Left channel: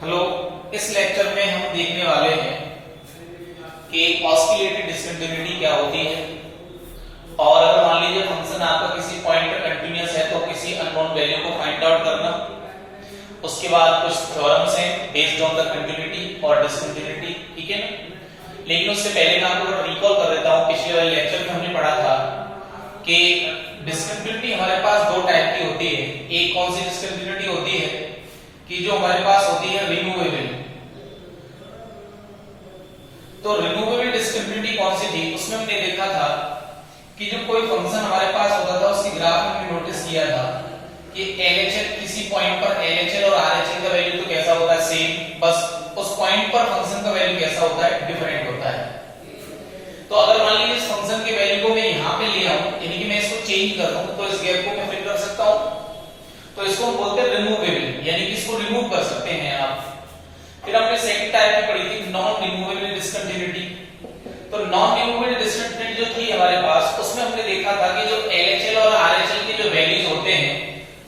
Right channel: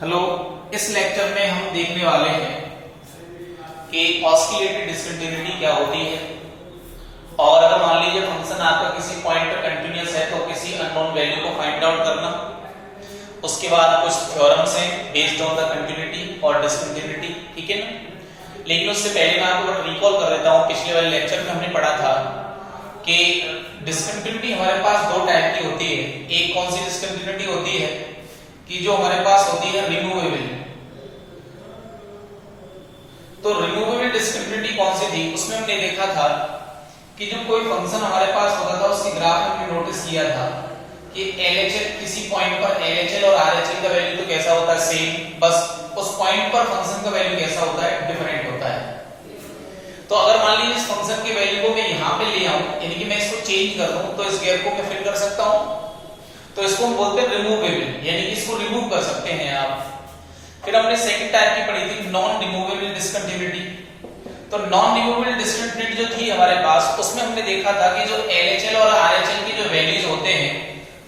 Hello, इस lecture में हम देखने वाले हैं कि ऑस्किलेटेड डिस्कंटिन्यूटी क्या होती है और अगर मान लीजिए फंक्शन आपका किसी पॉइंट पर कंटीन्यूअस है तो किसी अननोन वैल्यू को फाइंड आउट करना। उसके बाद कुछ थ्योरम्स हैं बेस्ड ऑन द कंटिन्यूटी और डिस्कंटिन्यूटी, ठीक है ना। लेकिन उससे पहले मैं आपको रिकॉल कर देता हूं, पिछले वाले लेक्चर में हमने पढ़ा था कि डिस्कंटिन्यूटी हमारे पास दो टाइप की होती है। एक कौन सी डिस्कंटिन्यूटी होती है कि जो हमारे पास होती है रिमूवेबल। तो रिमूवेबल डिस्कंटिन्यूटी कौन सी थी, उसमें हमने देखा था कि जो कोई फंक्शन हमारे पास होता था उसकी ग्राफ में हमने नोटिस किया था कि LHL किसी पॉइंट पर LHL और RHL का वैल्यू तो कैसा होता है सेम, बस उस पॉइंट पर फंक्शन का वैल्यू कैसा होता है डिफरेंट होता है। तो अगर मान लीजिए इस फंक्शन के वैल्यू को मैं यहां पे ले आऊं, यानी कि मैं इसको चेंज कर दूं, तो इस गैप को मैं फिल कर सकता हूं। तो इसको हम बोलते हैं रिमूवेबल, यानी कि इसको रिमूव कर सकते हैं आप। फिर हमने सेकंड टाइप की पढ़ी थी नॉन रिमूवेबल डिस्कंटिन्यूटी। तो नॉन रिमूवेबल डिस्कंटिन्यूटी जो थी हमारे पास, उसमें हमने देखा था कि जो LHL और RHL के जो वैल्यूज होते हैं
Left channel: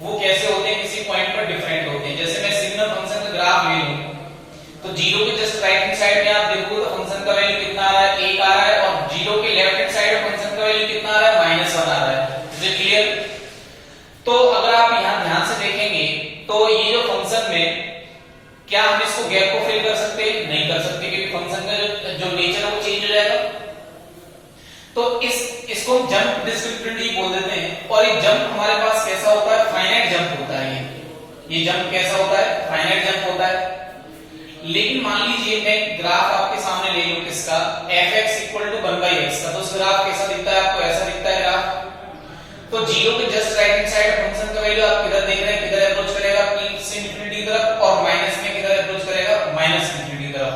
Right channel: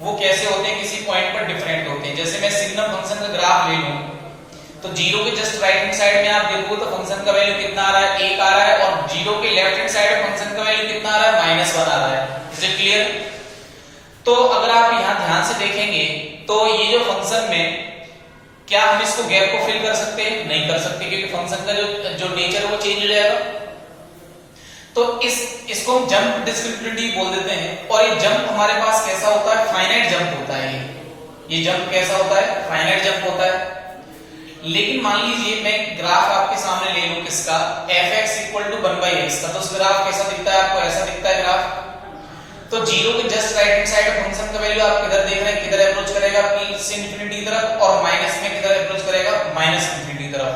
वो कैसे होते हैं, किसी पॉइंट पर डिफरेंट होते हैं। जैसे मैं सिग्नल फंक्शन का ग्राफ ले लूं तो जीरो के जस्ट राइट हैंड साइड में आप देखो तो फंक्शन का वैल्यू कितना आ रहा है, 1 आ रहा है, और जीरो के लेफ्ट हैंड साइड में फंक्शन का वैल्यू कितना आ रहा है, -1 आ रहा है। Is it clear? तो अगर आप यहां ध्यान से देखेंगे तो ये जो फंक्शन में क्या हम इसको गैप को फिल कर सकते हैं? नहीं कर सकते, क्योंकि फंक्शन का जो नेचर है वो चेंज हो जाएगा। तो इसको हम जंप डिस्कंटिन्यूटी बोल देते हैं। और ये जंप हमारे पास कैसा होता है, फाइनाइट जंप होता है। ये जंप कैसा होता है, फाइनाइट जंप होता है। लेकिन मान लीजिए मैं ग्राफ आपके सामने ले लूं किसका, fx = 1/x का, तो उस ग्राफ कैसा दिखता है आपको, ऐसा दिखता है ग्राफ। तो जीरो के just right hand side function का वैल्यू आप किधर देख रहे हैं, किधर अप्रोच करेगा, प्लस इंफिनिटी की तरफ, और माइनस में किधर अप्रोच करेगा, माइनस इंफिनिटी की तरफ।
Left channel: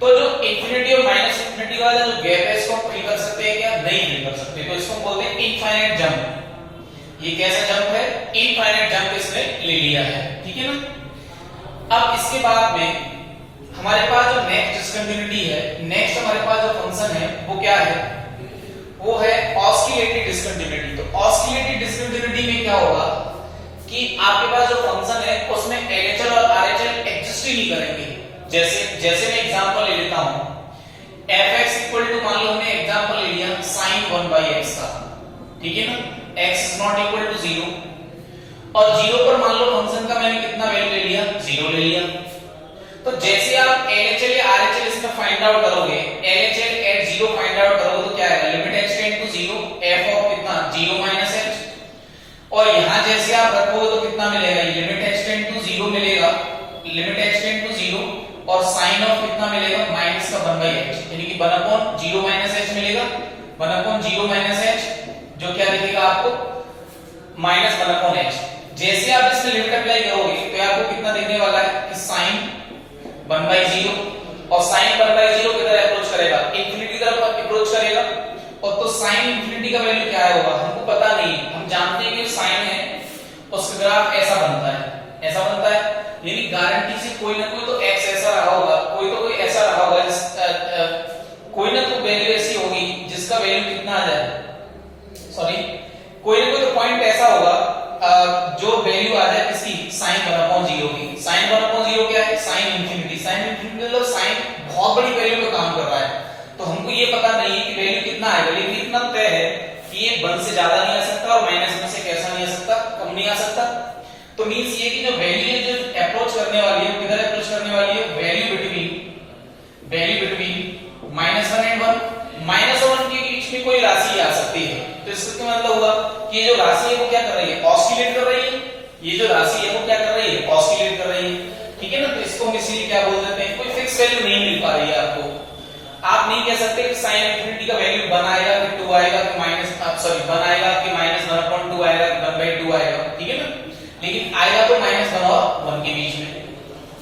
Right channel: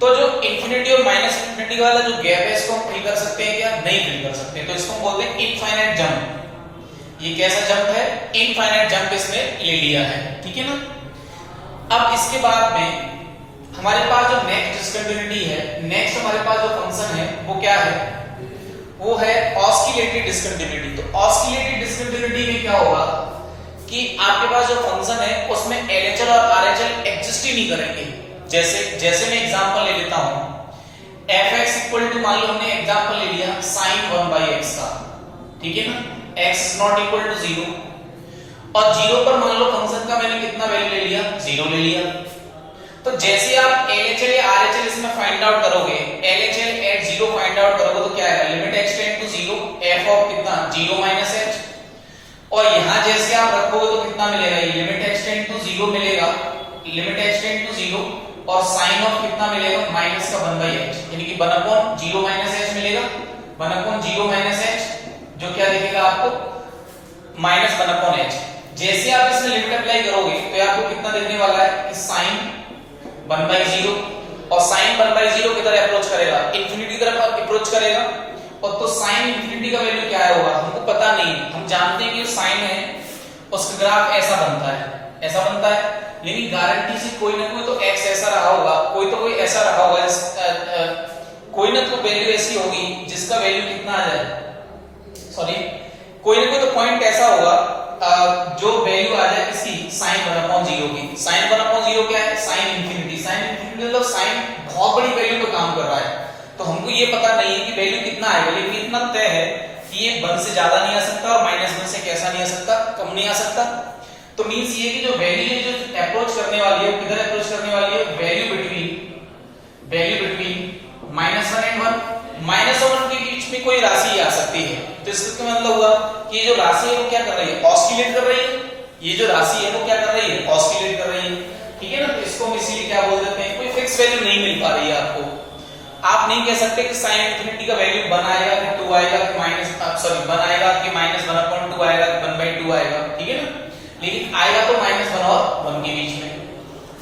तो जो इंफिनिटी और माइनस इंफिनिटी वाला जो गैप है इसको हम फिल कर सकते हैं क्या? नहीं फिल कर सकते। तो इसको हम बोलते हैं इनफाइनाइट जंप। ये कैसा जंप है, इनफाइनाइट जंप इसने ले लिया है, ठीक है ना। अब इसके बाद में हमारे पास जो नेक्स्ट डिस्कंटिन्यूटी है, नेक्स्ट हमारे पास जो फंक्शन है वो क्या है, वो है ऑस्किलेटेड डिस्कंटिन्यूटी। तो ऑस्किलेटेड डिस्कंटिन्यूटी में क्या होगा कि आपके पास जो फंक्शन है उसमें LHL और RHL एग्जिस्ट ही नहीं करेंगे। जैसे मैं एग्जांपल ले लेता हूं, fx = मान लो हमने एग्जांपल ले लिया sin 1/x का, ठीक है ना, x ≠ 0, और 0 पर मान लो फंक्शन का मैंने कितना वैल्यू ले लिया, 0 ले लिया। तो जैसे आप LHL या RHL इसमें फाइंड आउट करोगे, LHL at 0 फाइंड आउट करोगे तो क्या आएगा, limit h tend to 0 f of कितना 0 - h, और यहां जैसे आप रखोगे तो कितना मिलेगा, ये लिमिट h टेंड टू 0 मिलेगा, लिमिट h टेंड टू 0, और sin ऑफ कितना मिलेगा, माइनस का 1/h, यानी कि 1/0 - h मिलेगा, 1/0 - h, जो क्या दिखेगा आपको, -1/h। जैसे आप इसमें लिमिट अप्लाई करोगे तो आपको कितना दिखने वाला है कि sin 1/0, और sin 1/0 किधर अप्रोच करेगा, इंफिनिटी की तरफ अप्रोच करेगा। और तो sin इंफिनिटी का वैल्यू क्या होगा हमको पता नहीं, हम जानते हैं कि जो sin है उसका ग्राफ ऐसा बनता है, ऐसा बनता है, यानी गारंटी से कोई ना कोई तो x ऐसा रहा होगा, कोई ऐसा रहा होगा, कोई ना कोई वैल्यू ऐसी होगी जिसका वैल्यू कितना आ जाए, सॉरी, कोई ना कोई तो पॉइंट ऐसा होगा जो वैल्यू आ जाए इसकी sin 1/0 की। sin 1/0 क्या है, sin इंफिनिटी। sin इंफिनिटी मतलब sin बहुत बड़ी वैल्यू पे काम कर रहा है, तो हमको ये पता नहीं है कि वैल्यू कितना आएगा, लेकिन इतना तय है कि ये 1 से ज्यादा नहीं आ सकता और -1 से कैसा नहीं आ सकता, कम नहीं आ सकता। तो मींस ये कि जो वैल्यू है जो अप्रोच करने वाली है, किधर अप्रोच करने वाली है, वैल्यू बिटवीन -1 एंड 1, -1 और 1 के बीच में कोई राशि आ सकती है। तो इसका क्या मतलब हुआ कि जो राशि है वो क्या कर रही है, ऑस्किलेट कर रही है। ये जो राशि है वो क्या कर रही है, ऑस्किलेट कर रही है, ठीक है ना। तो इसको हम इसीलिए क्या बोल देते हैं, कोई फिक्स वैल्यू नहीं मिल पा रही है आपको। आप नहीं कह सकते कि sin इंफिनिटी का वैल्यू 1 आएगा कि 2 आएगा कि 1 आएगा कि -1/2 आएगा कि 1/2 आएगा, ठीक है ना, लेकिन आएगा तो -1 और 1 के बीच में।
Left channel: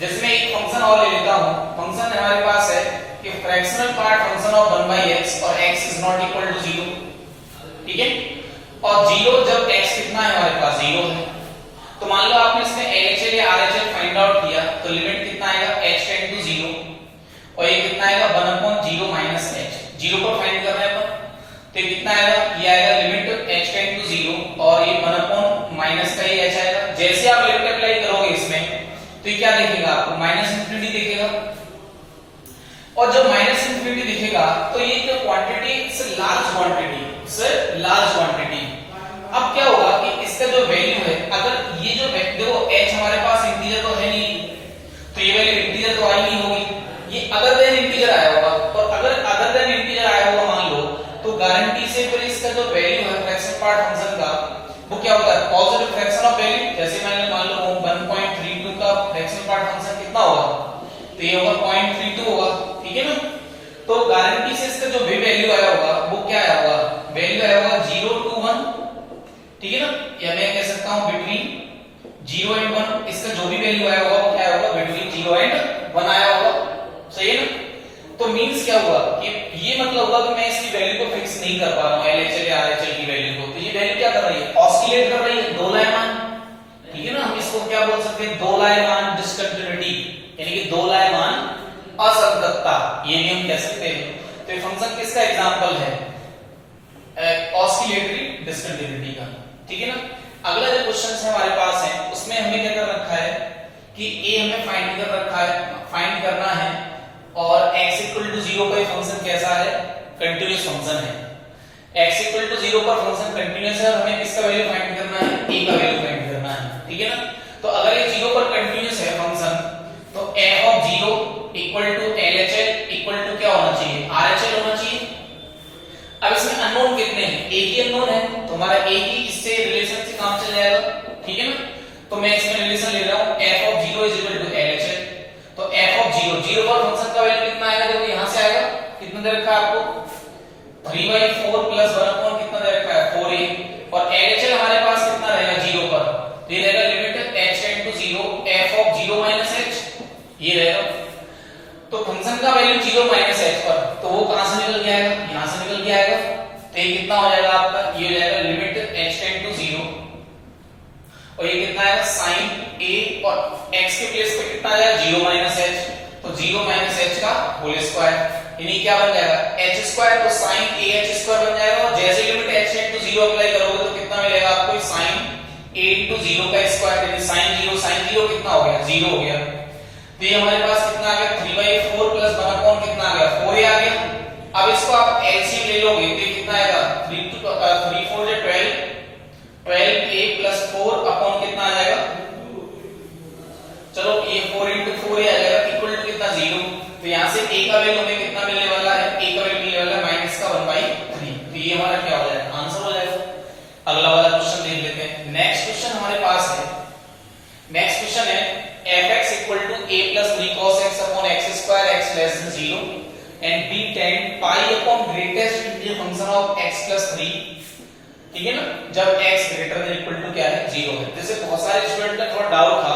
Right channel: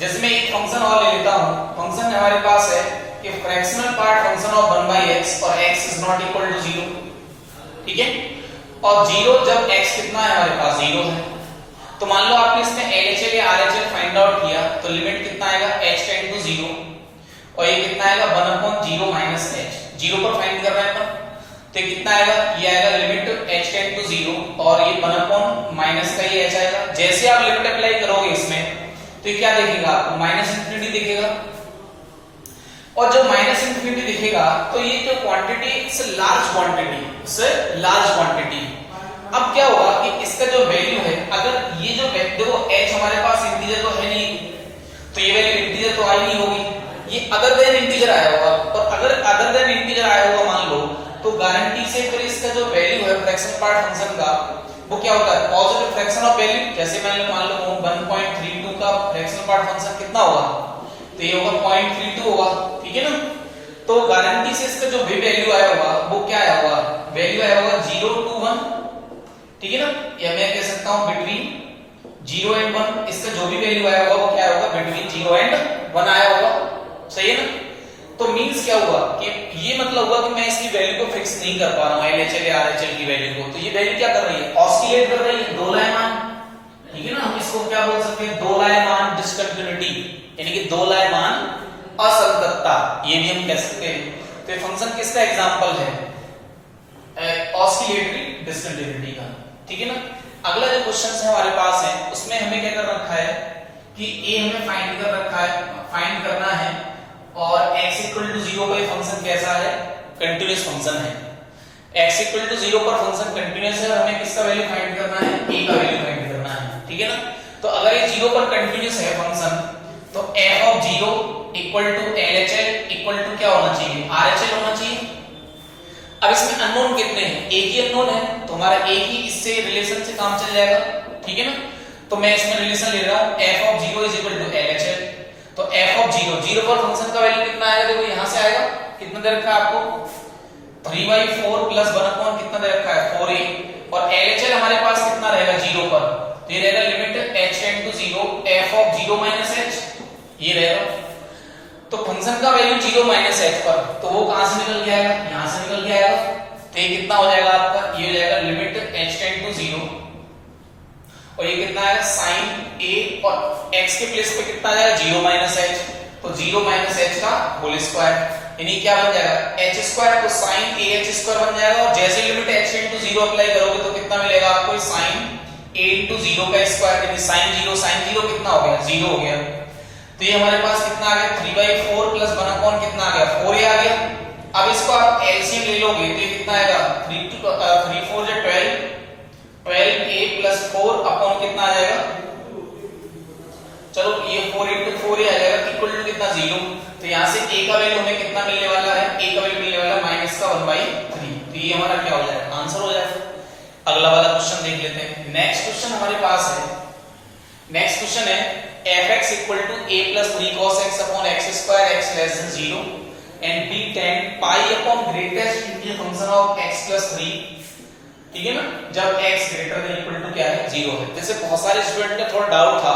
जैसे मैं एक फंक्शन और ले लेता हूं, फंक्शन हमारे पास है कि fractional part function of 1/x और x ≠ 0, ठीक है, और 0 जब x कितना है हमारे पास 0 है। तो मान लो आपने इसमें LHL या RHL फाइंड आउट किया तो लिमिट कितना आएगा, h टेंड टू 0, और ये कितना आएगा 1/0 - h, 0 पर फाइंड कर रहे हैं अपन, तो ये कितना आएगा, ये आएगा लिमिट h टेंड टू 0, और ये 1/- का ही h आएगा। जैसे आप लिमिट अप्लाई करोगे इसमें तो ये क्या देखेगा आपको, माइनस इंफिनिटी दिखेगा। और जब माइनस इंफिनिटी दिखेगा तो ये जो क्वांटिटी से लार्ज क्वांटिटी, अब क्या होगा कि इसका जो वैल्यू है, अगर ये जो देखो h हमारे पास इंटीजर तो है नहीं, तो ये वैल्यू इंटीजर तो आई नहीं होगी, ये अदर देन इंटीजर आया होगा। और अगर अदर देन इंटीजर आया होगा मान लो, तो गारंटी से फिर इसका जो वैल्यू है फ्रैक्शन पार्ट फंक्शन का, वो क्या होता है, पॉजिटिव फ्रैक्शन ऑफ वैल्यू। जैसे मैंने मान लो 1.32 का फ्रैक्शन पार्ट फंक्शन कितना होगा, तो ये होगा 0.32 होगा, ठीक है ना। तो गारंटी से इसका जो भी वैल्यू आया होगा वो क्या आया होगा, वैल्यू आया होगा 0 to 1, ठीक है ना। या मैं कह सकता हूं बिटवीन 0 and 1, इसका जो भी वैल्यू आया होगा वो क्या होगा, बिटवीन 0 and 1 आया होगा, सही है ना। तो मींस क्या हुआ कि ये मतलब हुआ कि मैं इसकी वैल्यू को फिक्स नहीं कर पा रहा हूं, LHL या RHL की वैल्यू को। तो ये वैल्यू क्या कर रही है, ऑस्किलेट कर रही है, दोलायमान, ठीक है ना। हम इसको क्या बोल सकते हैं, दोलायमान डिस्कंटिन्यूटी, यानी कि दोलायमान असंततता, ये भी हम कह सकते हैं। तो ये फंक्शन किसका एग्जांपल है, ऑस्किलेटरी डिस्कंटिन्यूटी का, ठीक है ना। अगला जो क्वेश्चन है हमारे पास है, उसमें हमें क्या कर रखा है कि a हमें फाइंड कर रखा है, फाइंड करना है, और x इक्वल टू 0 पर फंक्शन कैसा है, कंटीन्यूअस फंक्शन है। x इक्वल टू 0 पर फंक्शन कंटीन्यूअस है और हमें किसका वैल्यू फाइंड करना है, a का वैल्यू फाइंड करना है, ठीक है ना। तो अगर ये 0 पर कंटीन्यूअस है फंक्शन, तो f of 0 equal to LHL equal to क्या होना चाहिए, RHL होना चाहिए। अब इसमें अननोन कितने हैं, एक ही अननोन है, तो हमारा एक ही इससे रिलेशन से काम चल जाएगा, ठीक है ना। तो मैं इसमें रिलेशन ले रहा हूं f of 0 is equal to LHL। तो f ऑफ 0 पर फंक्शन का वैल्यू कितना आएगा, देखो यहां से आएगा, कितना दे रखा है आपको 3/4 प्लस 1 अपॉन कितना दे रखा है 4a, और LHL हमारे पास कितना रहेगा 0 पर, तो ये रहेगा limit h tend to 0 f of 0 minus h, ये रहेगा। तो फंक्शन का वैल्यू 0 माइनस h पर, तो वो कहां से निकल के आएगा, यहां से निकल के आएगा। तो ये कितना हो जाएगा आपका, ये हो जाएगा लिमिट h टेंड टू 0, और ये कितना आएगा sin a, और x के प्लेस पे कितना आ जाएगा 0 माइनस h, तो 0 माइनस h का होल स्क्वायर, यानी क्या बन जाएगा h स्क्वायर, तो sin a h स्क्वायर बन जाएगा। और जैसे limit h tend to 0 apply करोगे तो कितना मिलेगा आपको, sin a into 0 का स्क्वायर, यानी sin 0 कितना हो गया, 0 हो गया। तो ये हमारे पास कितना आ गया 3/4 प्लस 1 अपॉन कितना आ गया 4a आ गया। अब इसको आप एलसीएम ले लोगे तो ये कितना आएगा 3 4 जो 12a प्लस 4 अपॉन कितना आ जाएगा, चलो ये 4 into 4a आ जाएगा इक्वल टू कितना 0। तो यहां से a का वैल्यू हमें कितना मिलने वाला है, a का वैल्यू मिलने वाला है माइनस का 1/3। तो ये हमारा क्या हो जाएगा, आंसर हो जाएगा। अगला वाला क्वेश्चन देख लेते हैं। नेक्स्ट क्वेश्चन हमारे पास है, नेक्स्ट क्वेश्चन है fx equal to a plus 3 cos x upon x square x less than 0 and b tan pi upon greatest integer function of x plus 3, ठीक है ना, जब x greater than equal to क्या है 0 है। जैसे बहुत सारे स्टूडेंट का थोड़ा डाउट था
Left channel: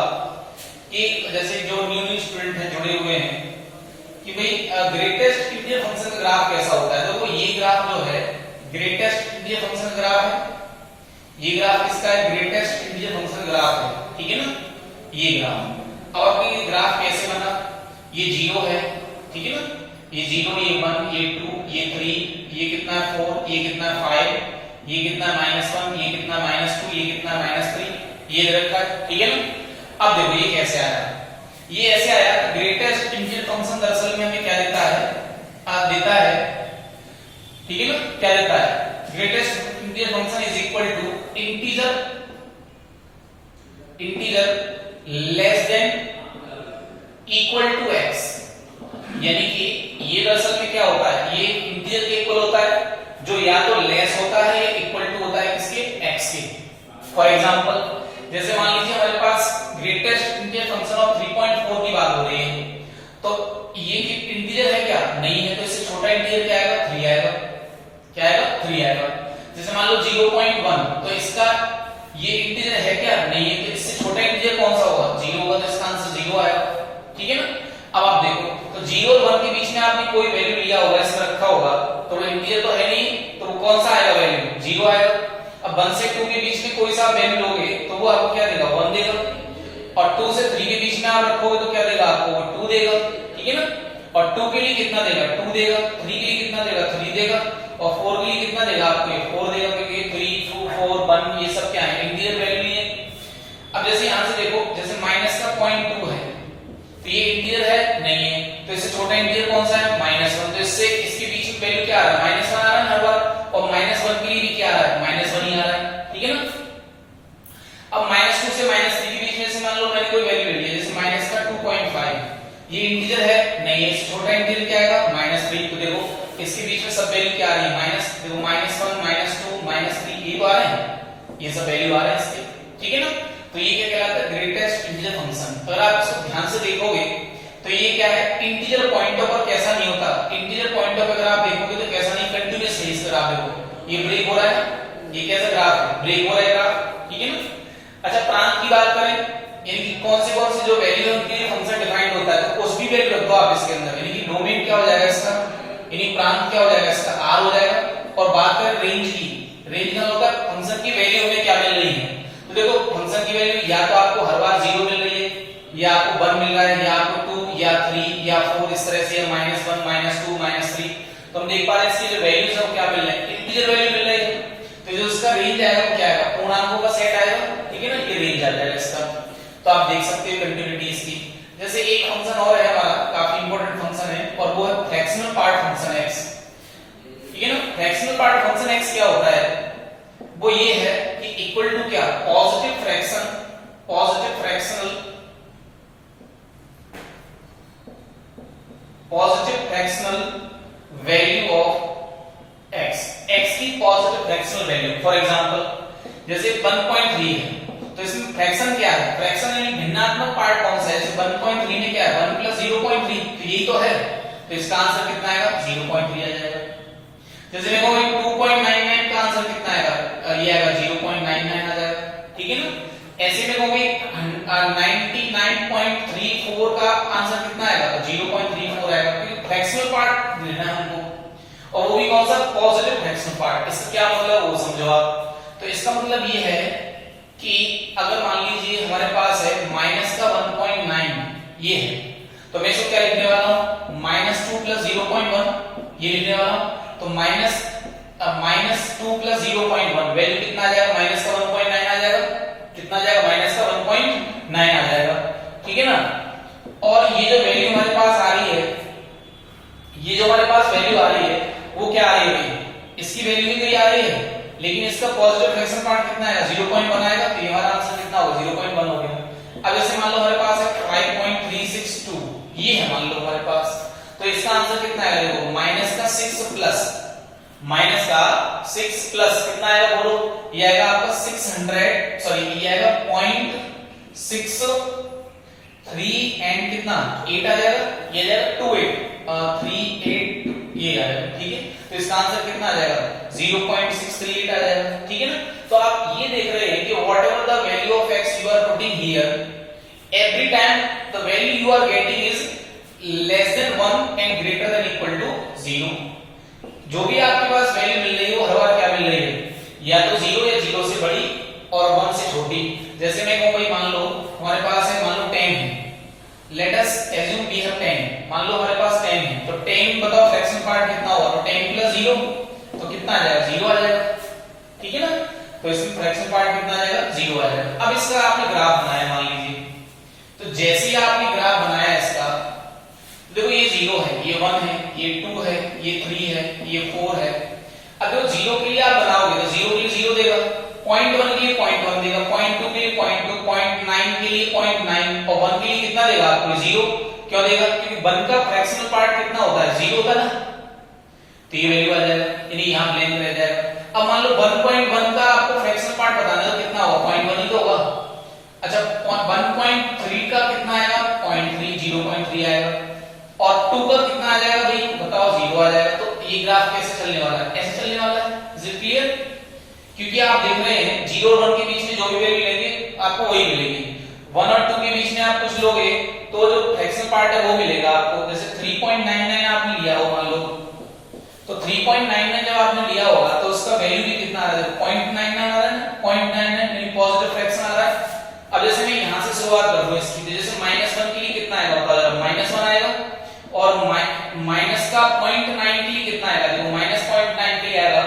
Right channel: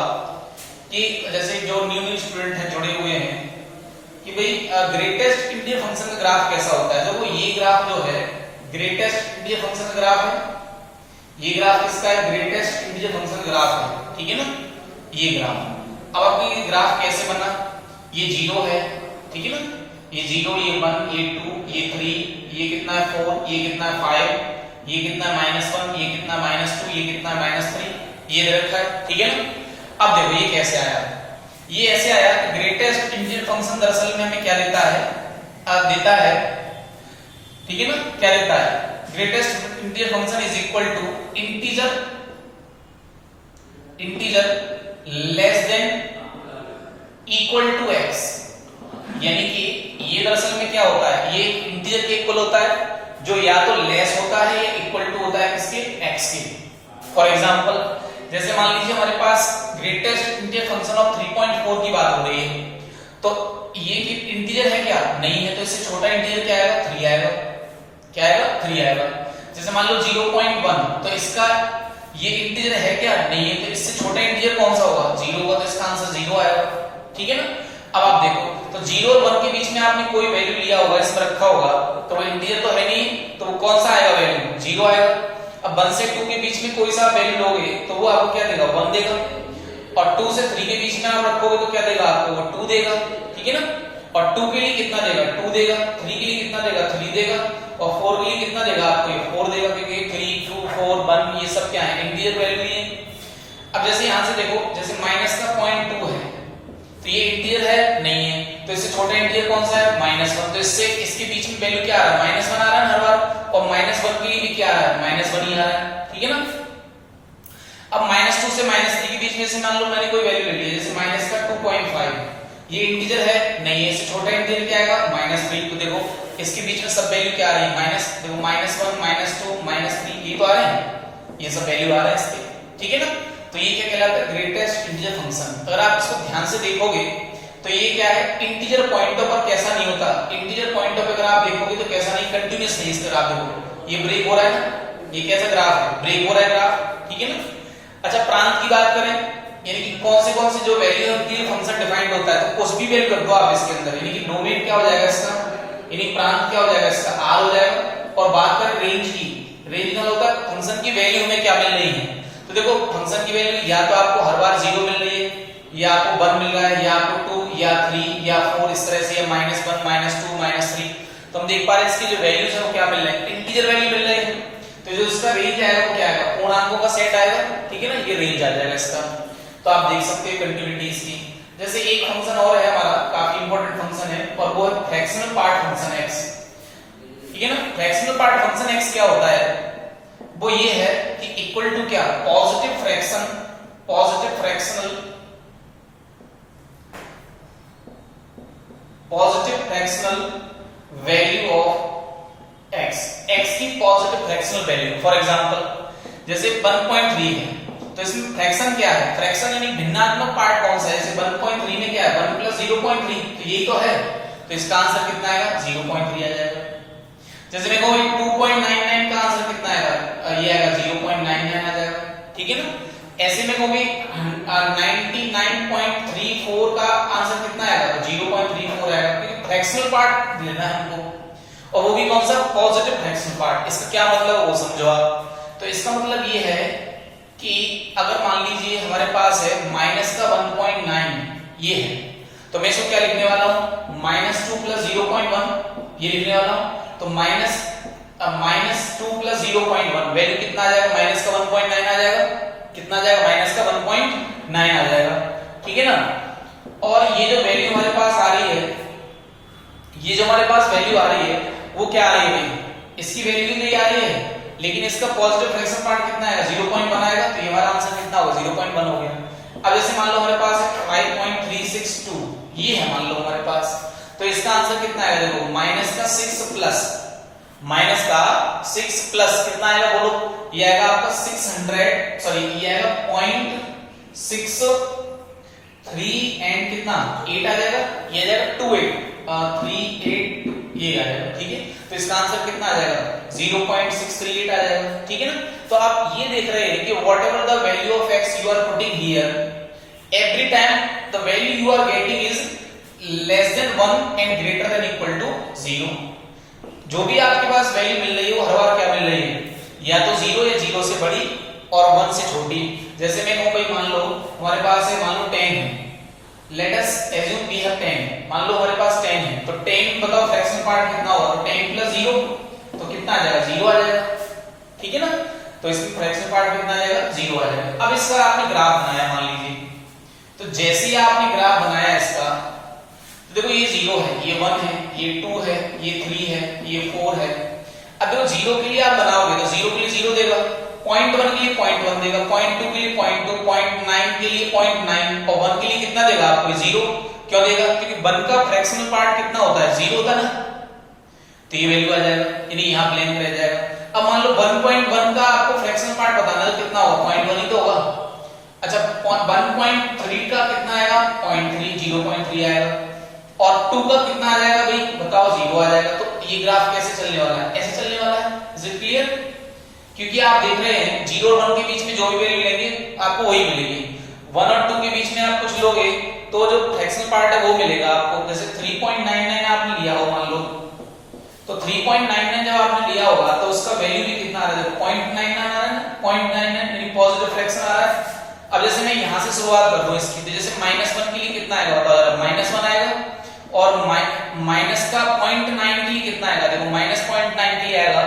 कि जैसे जो न्यू स्टूडेंट हैं जुड़े हुए हैं कि भाई ग्रेटेस्ट इंटीजर फंक्शन का ग्राफ कैसा होता है। देखो ये ग्राफ जो है ग्रेटेस्ट इंटीजर फंक्शन का ग्राफ है, ये ग्राफ किसका है, ग्रेटेस्ट इंटीजर फंक्शन का ग्राफ है, ठीक है ना, ये ग्राफ। अब आपकी ग्राफ कैसे बना, ये 0 है, ठीक है ना, ये 0, ये 1, ये 2, ये 3, ये कितना है 4, ये कितना है 5, ये कितना है -1, ये कितना है -2, ये कितना है -3, ये दे रखा है, ठीक है ना। अब देखो ये कैसे आया, ये ऐसे आया कि ग्रेटेस्ट इंटीजर फंक्शन दरअसल में हमें क्या देता है, ठीक है ना, क्या देता है, greatest integer function is equal to integer less than equal to x, यानी कि ये दरअसल में क्या होता है, ये इंटीजर के इक्वल होता है जो या तो लेस होता है या इक्वल टू होता है किसके, x के। फॉर एग्जांपल जैसे मान लीजिए हमारे पास ग्रेटेस्ट इंटीजर फंक्शन ऑफ 3.4 की बात हो रही है, तो ये इंटीजर है क्या, नहीं है, तो इससे छोटा इंटीजर क्या आएगा 3 आएगा, क्या आएगा 3 आएगा। जैसे मान लो 0.1, तो इसका ये इंटीजर है क्या, नहीं है, तो इससे छोटा इंटीजर कौन सा होगा 0 होगा, तो इसका आंसर 0 आएगा, ठीक है ना। अब आप देखो तो 0 और 1 के बीच में आपने कोई वैल्यू लिया होगा, इस पर रखा होगा, तो वो इंटीजर तो है नहीं, तो वो कौन सा आएगा वैल्यू 0 आएगा। अब 1 से 2 के बीच में कोई सा वैल्यू लोगे तो वो आपको क्या देगा 1 देगा, और 2 से 3 के बीच में आप रखोगे तो क्या देगा आपको वो 2 देगा, ठीक है ना। और 2 के लिए कितना देगा 2 देगा, 3 के लिए कितना देगा 3 देगा, और 4 के लिए कितना देगा आपको ये 4 देगा, क्योंकि 3 2 4 1 ये सब क्या है इंटीजर वैल्यू लिए। अब जैसे यहां से देखो जैसे माइनस का 0.2 है, इंटीजर है? नहीं है। तो इससे छोटा इंटीजर कौन सा है? -1। तो इससे इसके बीच में वैल्यू क्या आ रहा है? -1 आ रहा है हर बार, और -1 के लिए भी क्या आ रहा है? -1 ही आ रहा है। ठीक है ना? अब -2 से -3 के बीच में से मान लो मैंने कोई वैल्यू ले ली, जैसे माइनस का 2.5, ये इंटीजर है? नहीं है। इससे छोटा इंटीजर क्या आएगा? -3। तो देखो इसके बीच में सब वैल्यू क्या आ रही है? देखो -1 -2 -3 ये तो आ रहे हैं, ये सब वैल्यू आ रहा है इसके। ठीक है ना? तो ये क्या कहलाता है? Greatest integer function. अगर आप इसको ध्यान से देखोगे तो ये क्या है? इंटीजर पॉइंटों पर कैसा नहीं होता, इंटीजर पॉइंटों पर अगर आप देखोगे तो कैसा नहीं, कंटीन्यूअस नहीं। इस ग्राफ देखो, ये ब्रेक हो रहा है ना, ये कैसा ग्राफ है? ब्रेक हो रहा है ग्राफ। ठीक है ना? अच्छा, प्रांत की बात करें, यानी कि कौन से जो वैल्यू होती है फंक्शन डिफाइंड होता है, तो कुछ भी वैल्यू रख दो आप इसके अंदर, यानी कि डोमेन क्या हो जाएगा इसका, यानी प्रांत क्या हो जाएगा इसका? r हो जाएगा। और बात करें रेंज की, रेंज का होता है फंक्शन की वैल्यू हमें क्या मिल रही है। तो देखो फंक्शन की वैल्यू या तो आपको हर बार 0 मिल रही है, या आपको 1 मिल रहा है, या आपको 2 या 3 या 4 इस तरह से, या -1 -2 -3। तो हम देख पा रहे हैं इसकी जो वैल्यूज है वो क्या मिल रहा है? इंटीजर वैल्यू मिल रही है। तो जो इसका रेंज आएगा वो क्या आएगा? पूर्णांकों का सेट आएगा। ठीक है ना? ये रेंज आ जाएगा इसका। तो आप देख सकते हो कंटिन्यूटी इसकी। जैसे एक फंक्शन और है हमारा, काफी इंपॉर्टेंट फंक्शन है, और वो है फ्रैक्शनल पार्ट फंक्शन x। ठीक है ना? फ्रैक्शनल पार्ट फंक्शन x क्या होता है? वो ये है कि इक्वल टू क्या? Positive fractional value of x की positive fractional value. For example जैसे 1.3 है, तो इसमें फ्रैक्शन क्या है? फ्रैक्शन यानी भिन्नात्मक पार्ट कौन सा है? जैसे 1.3 में क्या है? 1 + 0.3, तो यही तो है। तो इसका आंसर कितना आएगा? 0.3 आ जाएगा। जैसे मैं कहूं 2.99 का आंसर कितना आएगा? ये आएगा 0.99 आ जाएगा। ठीक है ना? ऐसे में कहूंगी 99.34 का आंसर कितना आएगा? तो 0.34 आएगा, क्योंकि फ्रैक्शनल पार्ट लेना है हमको, और वो भी कौन सा? Positive fractional part. इसका क्या मतलब वो समझो आप। तो इसका मतलब ये है कि अगर मान लीजिए हमारे पास है -1.9 ये है, तो मैं इसको क्या लिखने वाला हूं? -2 + 0.1 ये लिखने वाला हूं। तो -2 + 0.1 वैल्यू कितना आ जाएगा? -1.9 आ जाएगा। कितना आ जाएगा? -1.9 आ जाएगा। ठीक है ना? और ये जो वैल्यू हमारे पास आ रही है, ये जो हमारे पास वैल्यू आ रही है वो क्या आ रही है? इसकी वैल्यू भी आ रही है, लेकिन इसका पॉजिटिव फ्रैक्शन पार्ट कितना आएगा? 0.1 आएगा। तो ये हमारा आंसर कितना होगा? 0.1 हो गया। अब जैसे मान लो हमारे पास है 5.362, ये है मान लो हमारे पास, तो इसका आंसर कितना आएगा? देखो -6 प्लस कितना आएगा बोलो? ये आएगा आपका 600, सॉरी ये आएगा 0.63 एंड कितना 8 आ जाएगा, ये आ जाएगा 2838 ये आ जाएगा। ठीक है? तो इसका आंसर कितना आ जाएगा? 0.638 आ जाएगा। ठीक है ना? तो आप ये देख रहे हैं कि whatever the value of x you are putting here, every time the value you are getting is less than 1 and greater than equal to 0। जो भी आपके पास वैल्यू मिल रही है वो हर बार क्या मिल रही है? या तो 0 या 0 से बड़ी और 1 से छोटी। जैसे मैं कहूं भाई मान लो हमारे पास है, मान लो 10 है, let us assume we have 10, मान लो हमारे पास 10 है, तो 10 बताओ फ्रैक्शन पार्ट कितना होगा? तो 10 + 0 तो कितना आ जाएगा? 0 आ जाएगा। ठीक है ना? तो इसमें फ्रैक्शन पार्ट कितना आ जाएगा? 0 आ जाएगा। अब इसका आपने ग्राफ बनाया मान लीजिए, तो जैसे ही आपने ग्राफ बनाया इसका, तो देखो ये 0 है, ये 1 है, ये 2 है, ये 3 है, ये 4 है। अब देखो 0 के लिए आप बनाओगे तो 0 के लिए 0 देगा, 0.1 के लिए 0.1 देगा, 0.2 के लिए 0.2, 0.9 के लिए 0.9 और 1 के लिए कितना देगा आपको? 0। क्यों देगा? क्योंकि 1 का फ्रैक्शनल पार्ट कितना होता है? 0 होता है ना, तो ये वैल्यू आ जाएगा, यानी यहां ब्लैंक रह जाएगा। अब मान लो 1.1 का आपको फ्रैक्शनल पार्ट बताना है तो कितना होगा? 0.1 ही तो होगा। अच्छा 1.3 का कितना आएगा? 0.3, 0.3 आएगा। और 2 का कितना आ जाएगा भाई बताओ? 0 आ जाएगा। तो ये ग्राफ कैसे चलने वाला है? ऐसे चलने वाला है। Is it clear? क्योंकि आप देख रहे हैं 0 और 1 के बीच में जो भी वैल्यू लेंगे आपको वही मिलेगी। 1 और 2 के बीच में आप कुछ लोगे तो जो फ्रैक्शनल पार्ट है वो मिलेगा आपको। जैसे 3.99 आपने लिया हो मान लो, तो 3.99 जब आपने लिया होगा तो उसका वैल्यू भी कितना आ रहा है? 0.99 आ रहा है ना, 0.99 यानी पॉजिटिव फ्रैक्शन आ रहा है। अब जैसे मैं यहां से शुरुआत कर दूं इसकी, तो जैसे -1 के लिए कितना आएगा बताओ जरा? -1 आएगा। और माइनस का 0.9 के लिए कितना आएगा? देखो -0.93 आएगा,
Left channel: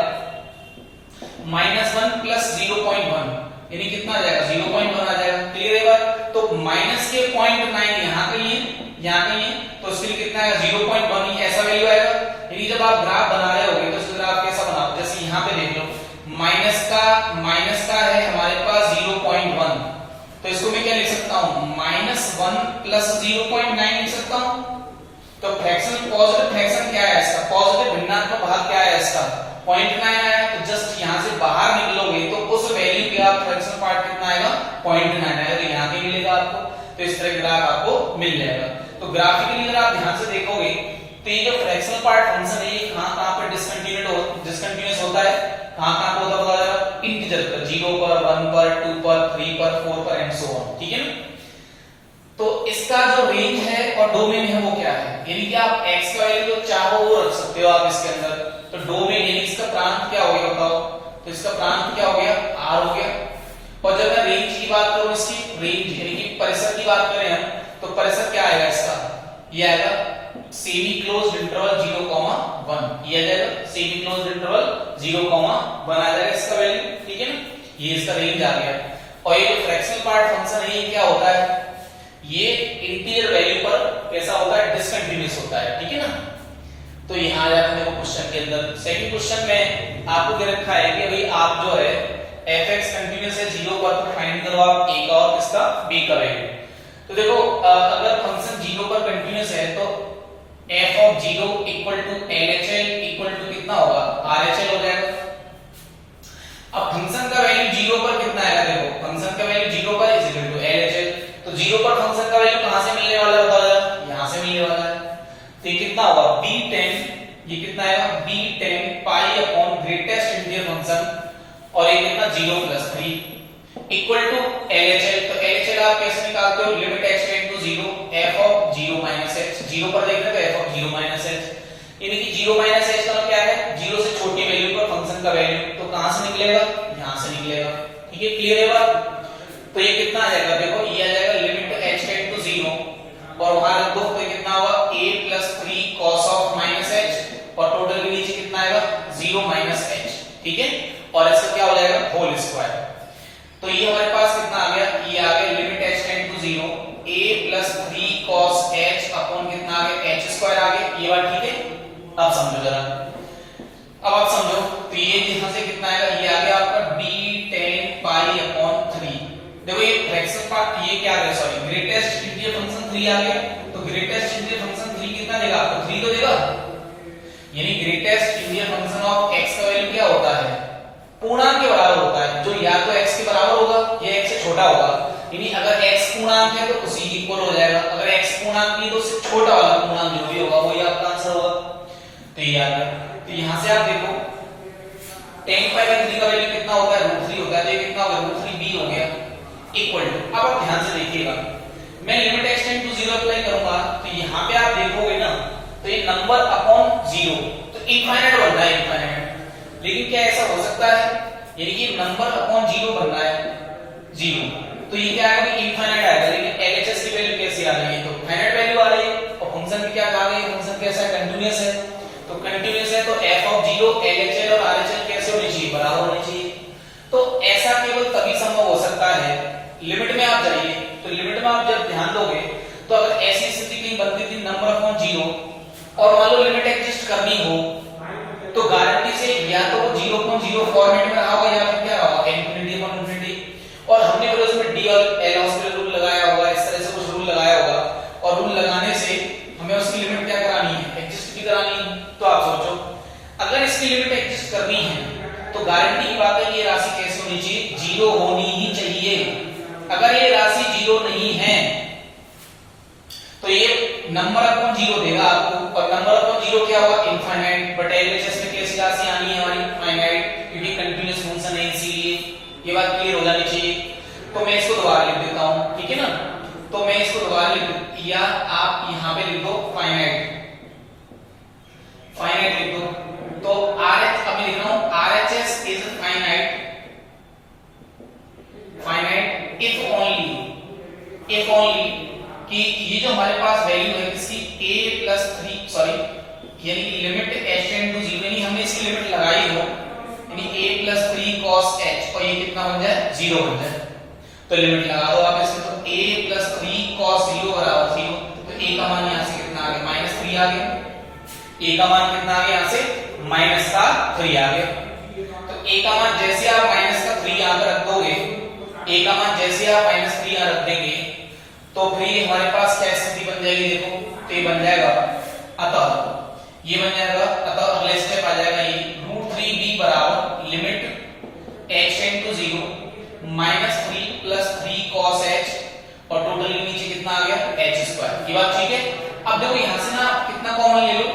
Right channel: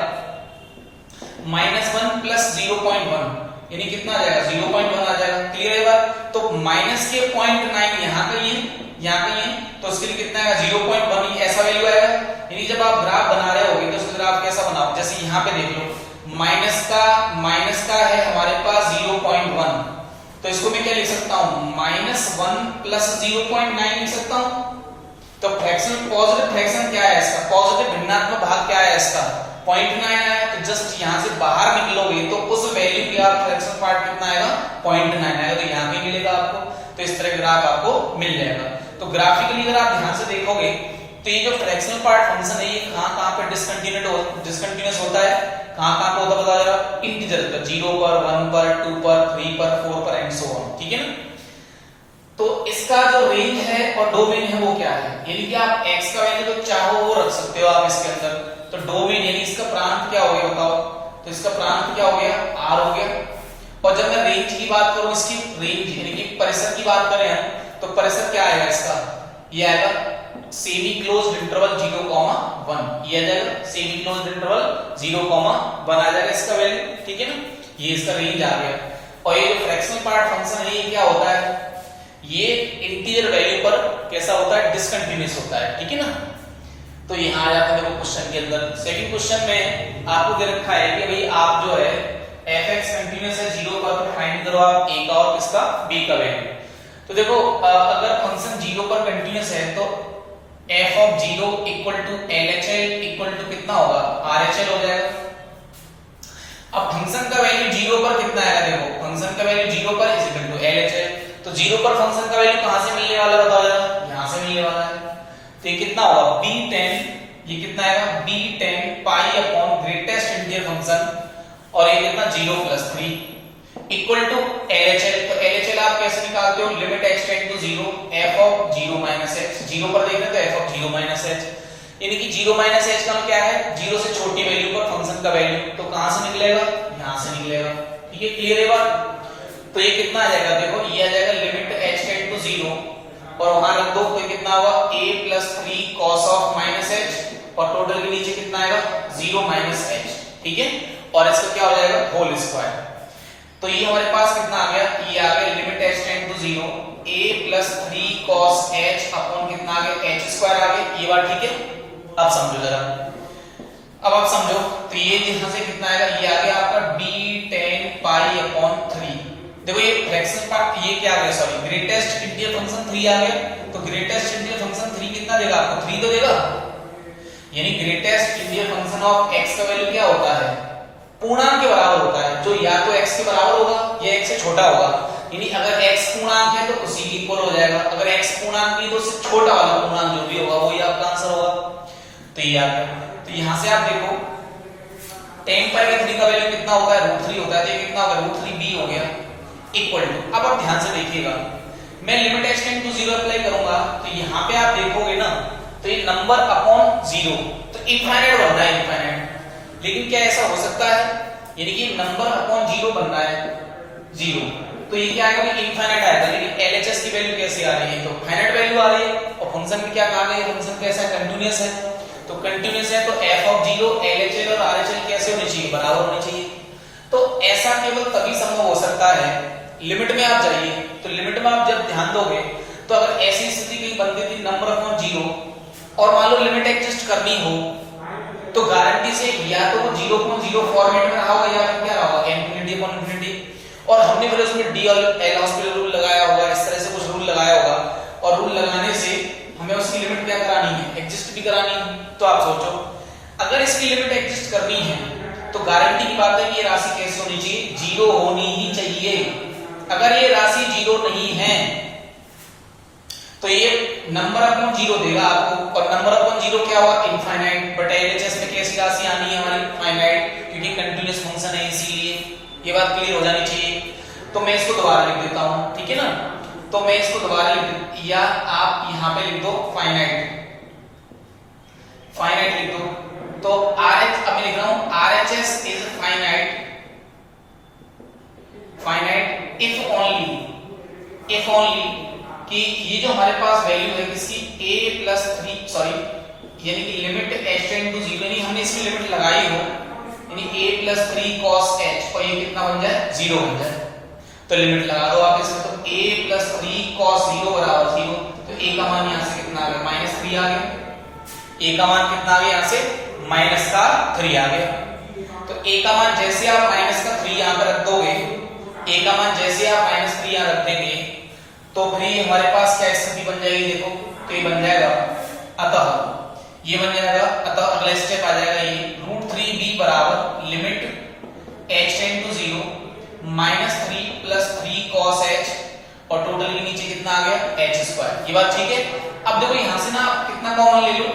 -1 + 0.1 यानी कितना आ जाएगा? 0.1 आ जाएगा। क्लियर है बात? तो माइनस के 0.9 यहां के लिए, यहाँ के लिए, तो उसके लिए कितना आएगा 0.1 ऐसा वैल्यू आएगा। यानी जब आप ग्राफ बना रहे होगे तो उसका ग्राफ कैसा बनाओ, जैसे यहाँ पे देख लो माइनस का है हमारे पास 0.1, तो इसको मैं क्या लिख सकता हूँ -1 प्लस 0.9 लिख सकता हूँ। तो फ्रैक्शन पॉजिटिव फ्रैक्शन क्या है इसका, पॉजिटिव भिन्नात्मक भाग क्या है इसका 0.9 आया। तो जस्ट यहाँ से बाहर निकलोगे तो उस वैल्यू पे आप फ्रैक्शन पार्ट कितना आएगा 0.9 आएगा, तो यहाँ पे मिलेगा आपको। तो इस तरह ग्राफ आपको मिल जाएगा। तो ग्राफिकली अगर आप ध्यान से देखोगे तो ये जो फ्रैक्शनल पार्ट फंक्शन है ये कहां पे डिसकंटिन्यूअस होता है, कहां पे होता है बता जरा, इंटीजर पर 0 पर 1 पर 2 पर 3 पर 4 पर एंड सो ऑन, ठीक है ना। तो इसका जो रेंज है और डोमेन है वो क्या है, यानी कि आप x का वैल्यू जो चाहो वो रख सकते हो आप इसके अंदर। तो डोमेन यानी इसका प्रांत क्या हो गया बताओ, तो इसका प्रांत क्या हो गया r हो गया। और जब मैं रेंज की बात करूं, इसकी रेंज यानी कि परिसर की बात करें हम, तो परिसर क्या आएगा इसका, ये आएगा सेमी क्लोज्ड इंटरवल 0,1, ये आ जाएगा सेमी क्लोज्ड इंटरवल 0,1 आ जाएगा इसका वैल्यू, ठीक है ना। ये इसका रेंज आ गया। और ये जो फ्रैक्शनल पार्ट फंक्शन है ये क्या होता है, ये इंटीजर वैल्यू पर कैसा होता है, डिसकंटिन्यूअस होता है, ठीक है ना। तो यहां आ जाते हैं देखो क्वेश्चन के अंदर। सेकंड क्वेश्चन में आपको दे रखा है कि भाई आप जो है fx कंटीन्यूअस है 0 पर, तो फाइंड करो आप a का और किसका b का वैल्यू। तो देखो अगर फंक्शन 0 पर कंटीन्यूअस है तो f of 0 equal to LHL equal to कितना होगा RHL हो जाएगा। अब फंक्शन का वैल्यू 0 पर कितना आएगा, देखो फंक्शन का वैल्यू 0 पर इज इक्वल टू LHL। तो 0 पर फंक्शन का वैल्यू कहां से मिलने वाला है बताओ जरा, यहां से मिलने वाला है। तो ये कितना होगा b10, ये कितना आएगा b10 pi upon greatest integer function, और ये कितना 0 प्लस 3 इक्वल टू LHL। तो LHL आप कैसे निकालते हो, limit x tend to 0 f of 0 minus h, 0 पर देख रहे हो तो f ऑफ 0 माइनस h, यानी कि 0 माइनस h का क्या है 0 से छोटी वैल्यू पर फंक्शन का वैल्यू, तो कहां से निकलेगा यहां से निकलेगा, ठीक है। क्लियर है बात। तो ये कितना आ जाएगा, देखो ये आ जाएगा लिमिट h टेंड टू 0 और वहां रख दो, तो ये कितना होगा a plus 3 cos of minus h, और टोटल के नीचे कितना आएगा 0 माइनस h, ठीक है। और इसका क्या हो जाएगा होल स्क्वायर। तो ये हमारे पास कितना आ गया, ये आ गया limit h tend to 0 a plus 3 cos h upon कितना आ गया h स्क्वायर आ गया, ये बात ठीक है। अब समझो जरा, अब आप समझो, तो ये यहां से कितना आएगा, ये आ गया आपका b10 पाई अपॉन 3। देखो ये फ्रैक्शनल पार्ट, ये क्या आ गया सॉरी ग्रेटेस्ट इंटीजर फंक्शन 3 आ गया। तो ग्रेटेस्ट इंटीजर फंक्शन 3 कितना देगा आपको, 3 तो देगा। यानी greatest integer function of x का वैल्यू क्या होता है, पूर्णांक के बराबर होता है, जो या तो x के बराबर होगा या x से छोटा होगा। यानी अगर x पूर्णांक है तो उसी के इक्वल हो जाएगा, अगर x पूर्णांक नहीं तो उससे छोटा वाला पूर्णांक जो भी होगा वही आपका आंसर होगा। तो ये आ गया। तो यहां से आप देखो 10 पाई बाय 3 का वैल्यू कितना होता है √3 होता है, तो ये कितना होगा √3b हो गया इक्वल टू। अब आप ध्यान से देखिएगा, मैं limit x tend to 0 apply करूंगा, तो यहां पे आप देखोगे ना तो ये नंबर अपॉन 0 तो इनफाइनाइट बन रहा है, इनफाइनाइट। लेकिन क्या ऐसा हो सकता है, यानी कि नंबर अपॉन 0 बन रहा है 0, तो ये क्या आएगा इनफाइनाइट आएगा। लेकिन LHS की वैल्यू कैसी आ रही है, तो फाइनाइट वैल्यू आ रही है। और फंक्शन भी क्या कहा गया, फंक्शन कैसा है कंटीन्यूअस है, तो कंटीन्यूअस है तो f ऑफ 0 LHL और RHL कैसे होनी चाहिए, बराबर होनी चाहिए। तो ऐसा केवल तभी संभव हो सकता है, लिमिट में आप जाइए, तो लिमिट में आप जब ध्यान दोगे तो अगर ऐसी स्थिति कहीं बनती थी नंबर अपॉन 0 और मान लो लिमिट एडजस्ट करनी हो, तो गारंटी से या तो वो 0.0 फॉर्मेट में रहा होगा या फिर क्या रहा होगा इन्फिनिटी अपॉन इन्फिनिटी। और हमने फिर उसमें डी और एल हॉस्पिटल रूल लगाया होगा, इस तरह से कुछ रूल लगाया होगा, और रूल लगाने से हमें उसकी लिमिट क्या करानी है, एडजस्ट भी करानी है। तो आप सोचो अगर इसकी लिमिट एडजस्ट करनी है तो गारंटी की बात है कि ये राशि कैसे होनी चाहिए, 0 होनी ही चाहिए। अगर ये राशि 0 नहीं है तो ये नंबर अपॉन 0 देगा आपको, और नंबर अपॉन 0 क्या होगा इनफाइनाइट। बट LHS में कैसी राशि आनी है हमारी फाइनाइट, क्योंकि कंटीन्यूअस फंक्शन है, इसीलिए ये बात क्लियर हो जानी चाहिए। तो मैं इसको दोबारा लिख देता हूं, ठीक है ना। तो मैं इसको दोबारा लिख, या आप यहां पे लिख दो फाइनाइट, फाइनाइट लिख दो। तो RH अब लिख रहा हूं RHS is finite, finite if only कि ये जो हमारे पास वैल्यू है किसकी a प्लस 3 सॉरी यानी कि लिमिट h टेंड टू 0, यानी हमने इसकी लिमिट लगाई हो, यानी a प्लस 3 cos h, और ये कितना बन जाए 0 बन जाए। तो लिमिट लगा दो आप इसमें, तो a प्लस 3 cos 0 बराबर 0, तो a का मान यहाँ से कितना आ गया -3 आ गया, a का मान कितना आ गया यहाँ से -3 आ गया। तो a का मान जैसे आप -3 यहाँ पर रख दोगे, a का मान जैसे आप -3 यहाँ रख देंगे तो फिर हमारे पास क्या स्थिति बन जाएगी, देखो तो ये बन जाएगा अतः ये बन जाएगा अतः अगला स्टेप आ जाएगा ये √3b बराबर limit h tend to 0 -3 + 3 cos h और टोटल के नीचे कितना आ गया h²। ये बात ठीक है। अब देखो यहां से ना आप कितना कॉमन ले लो,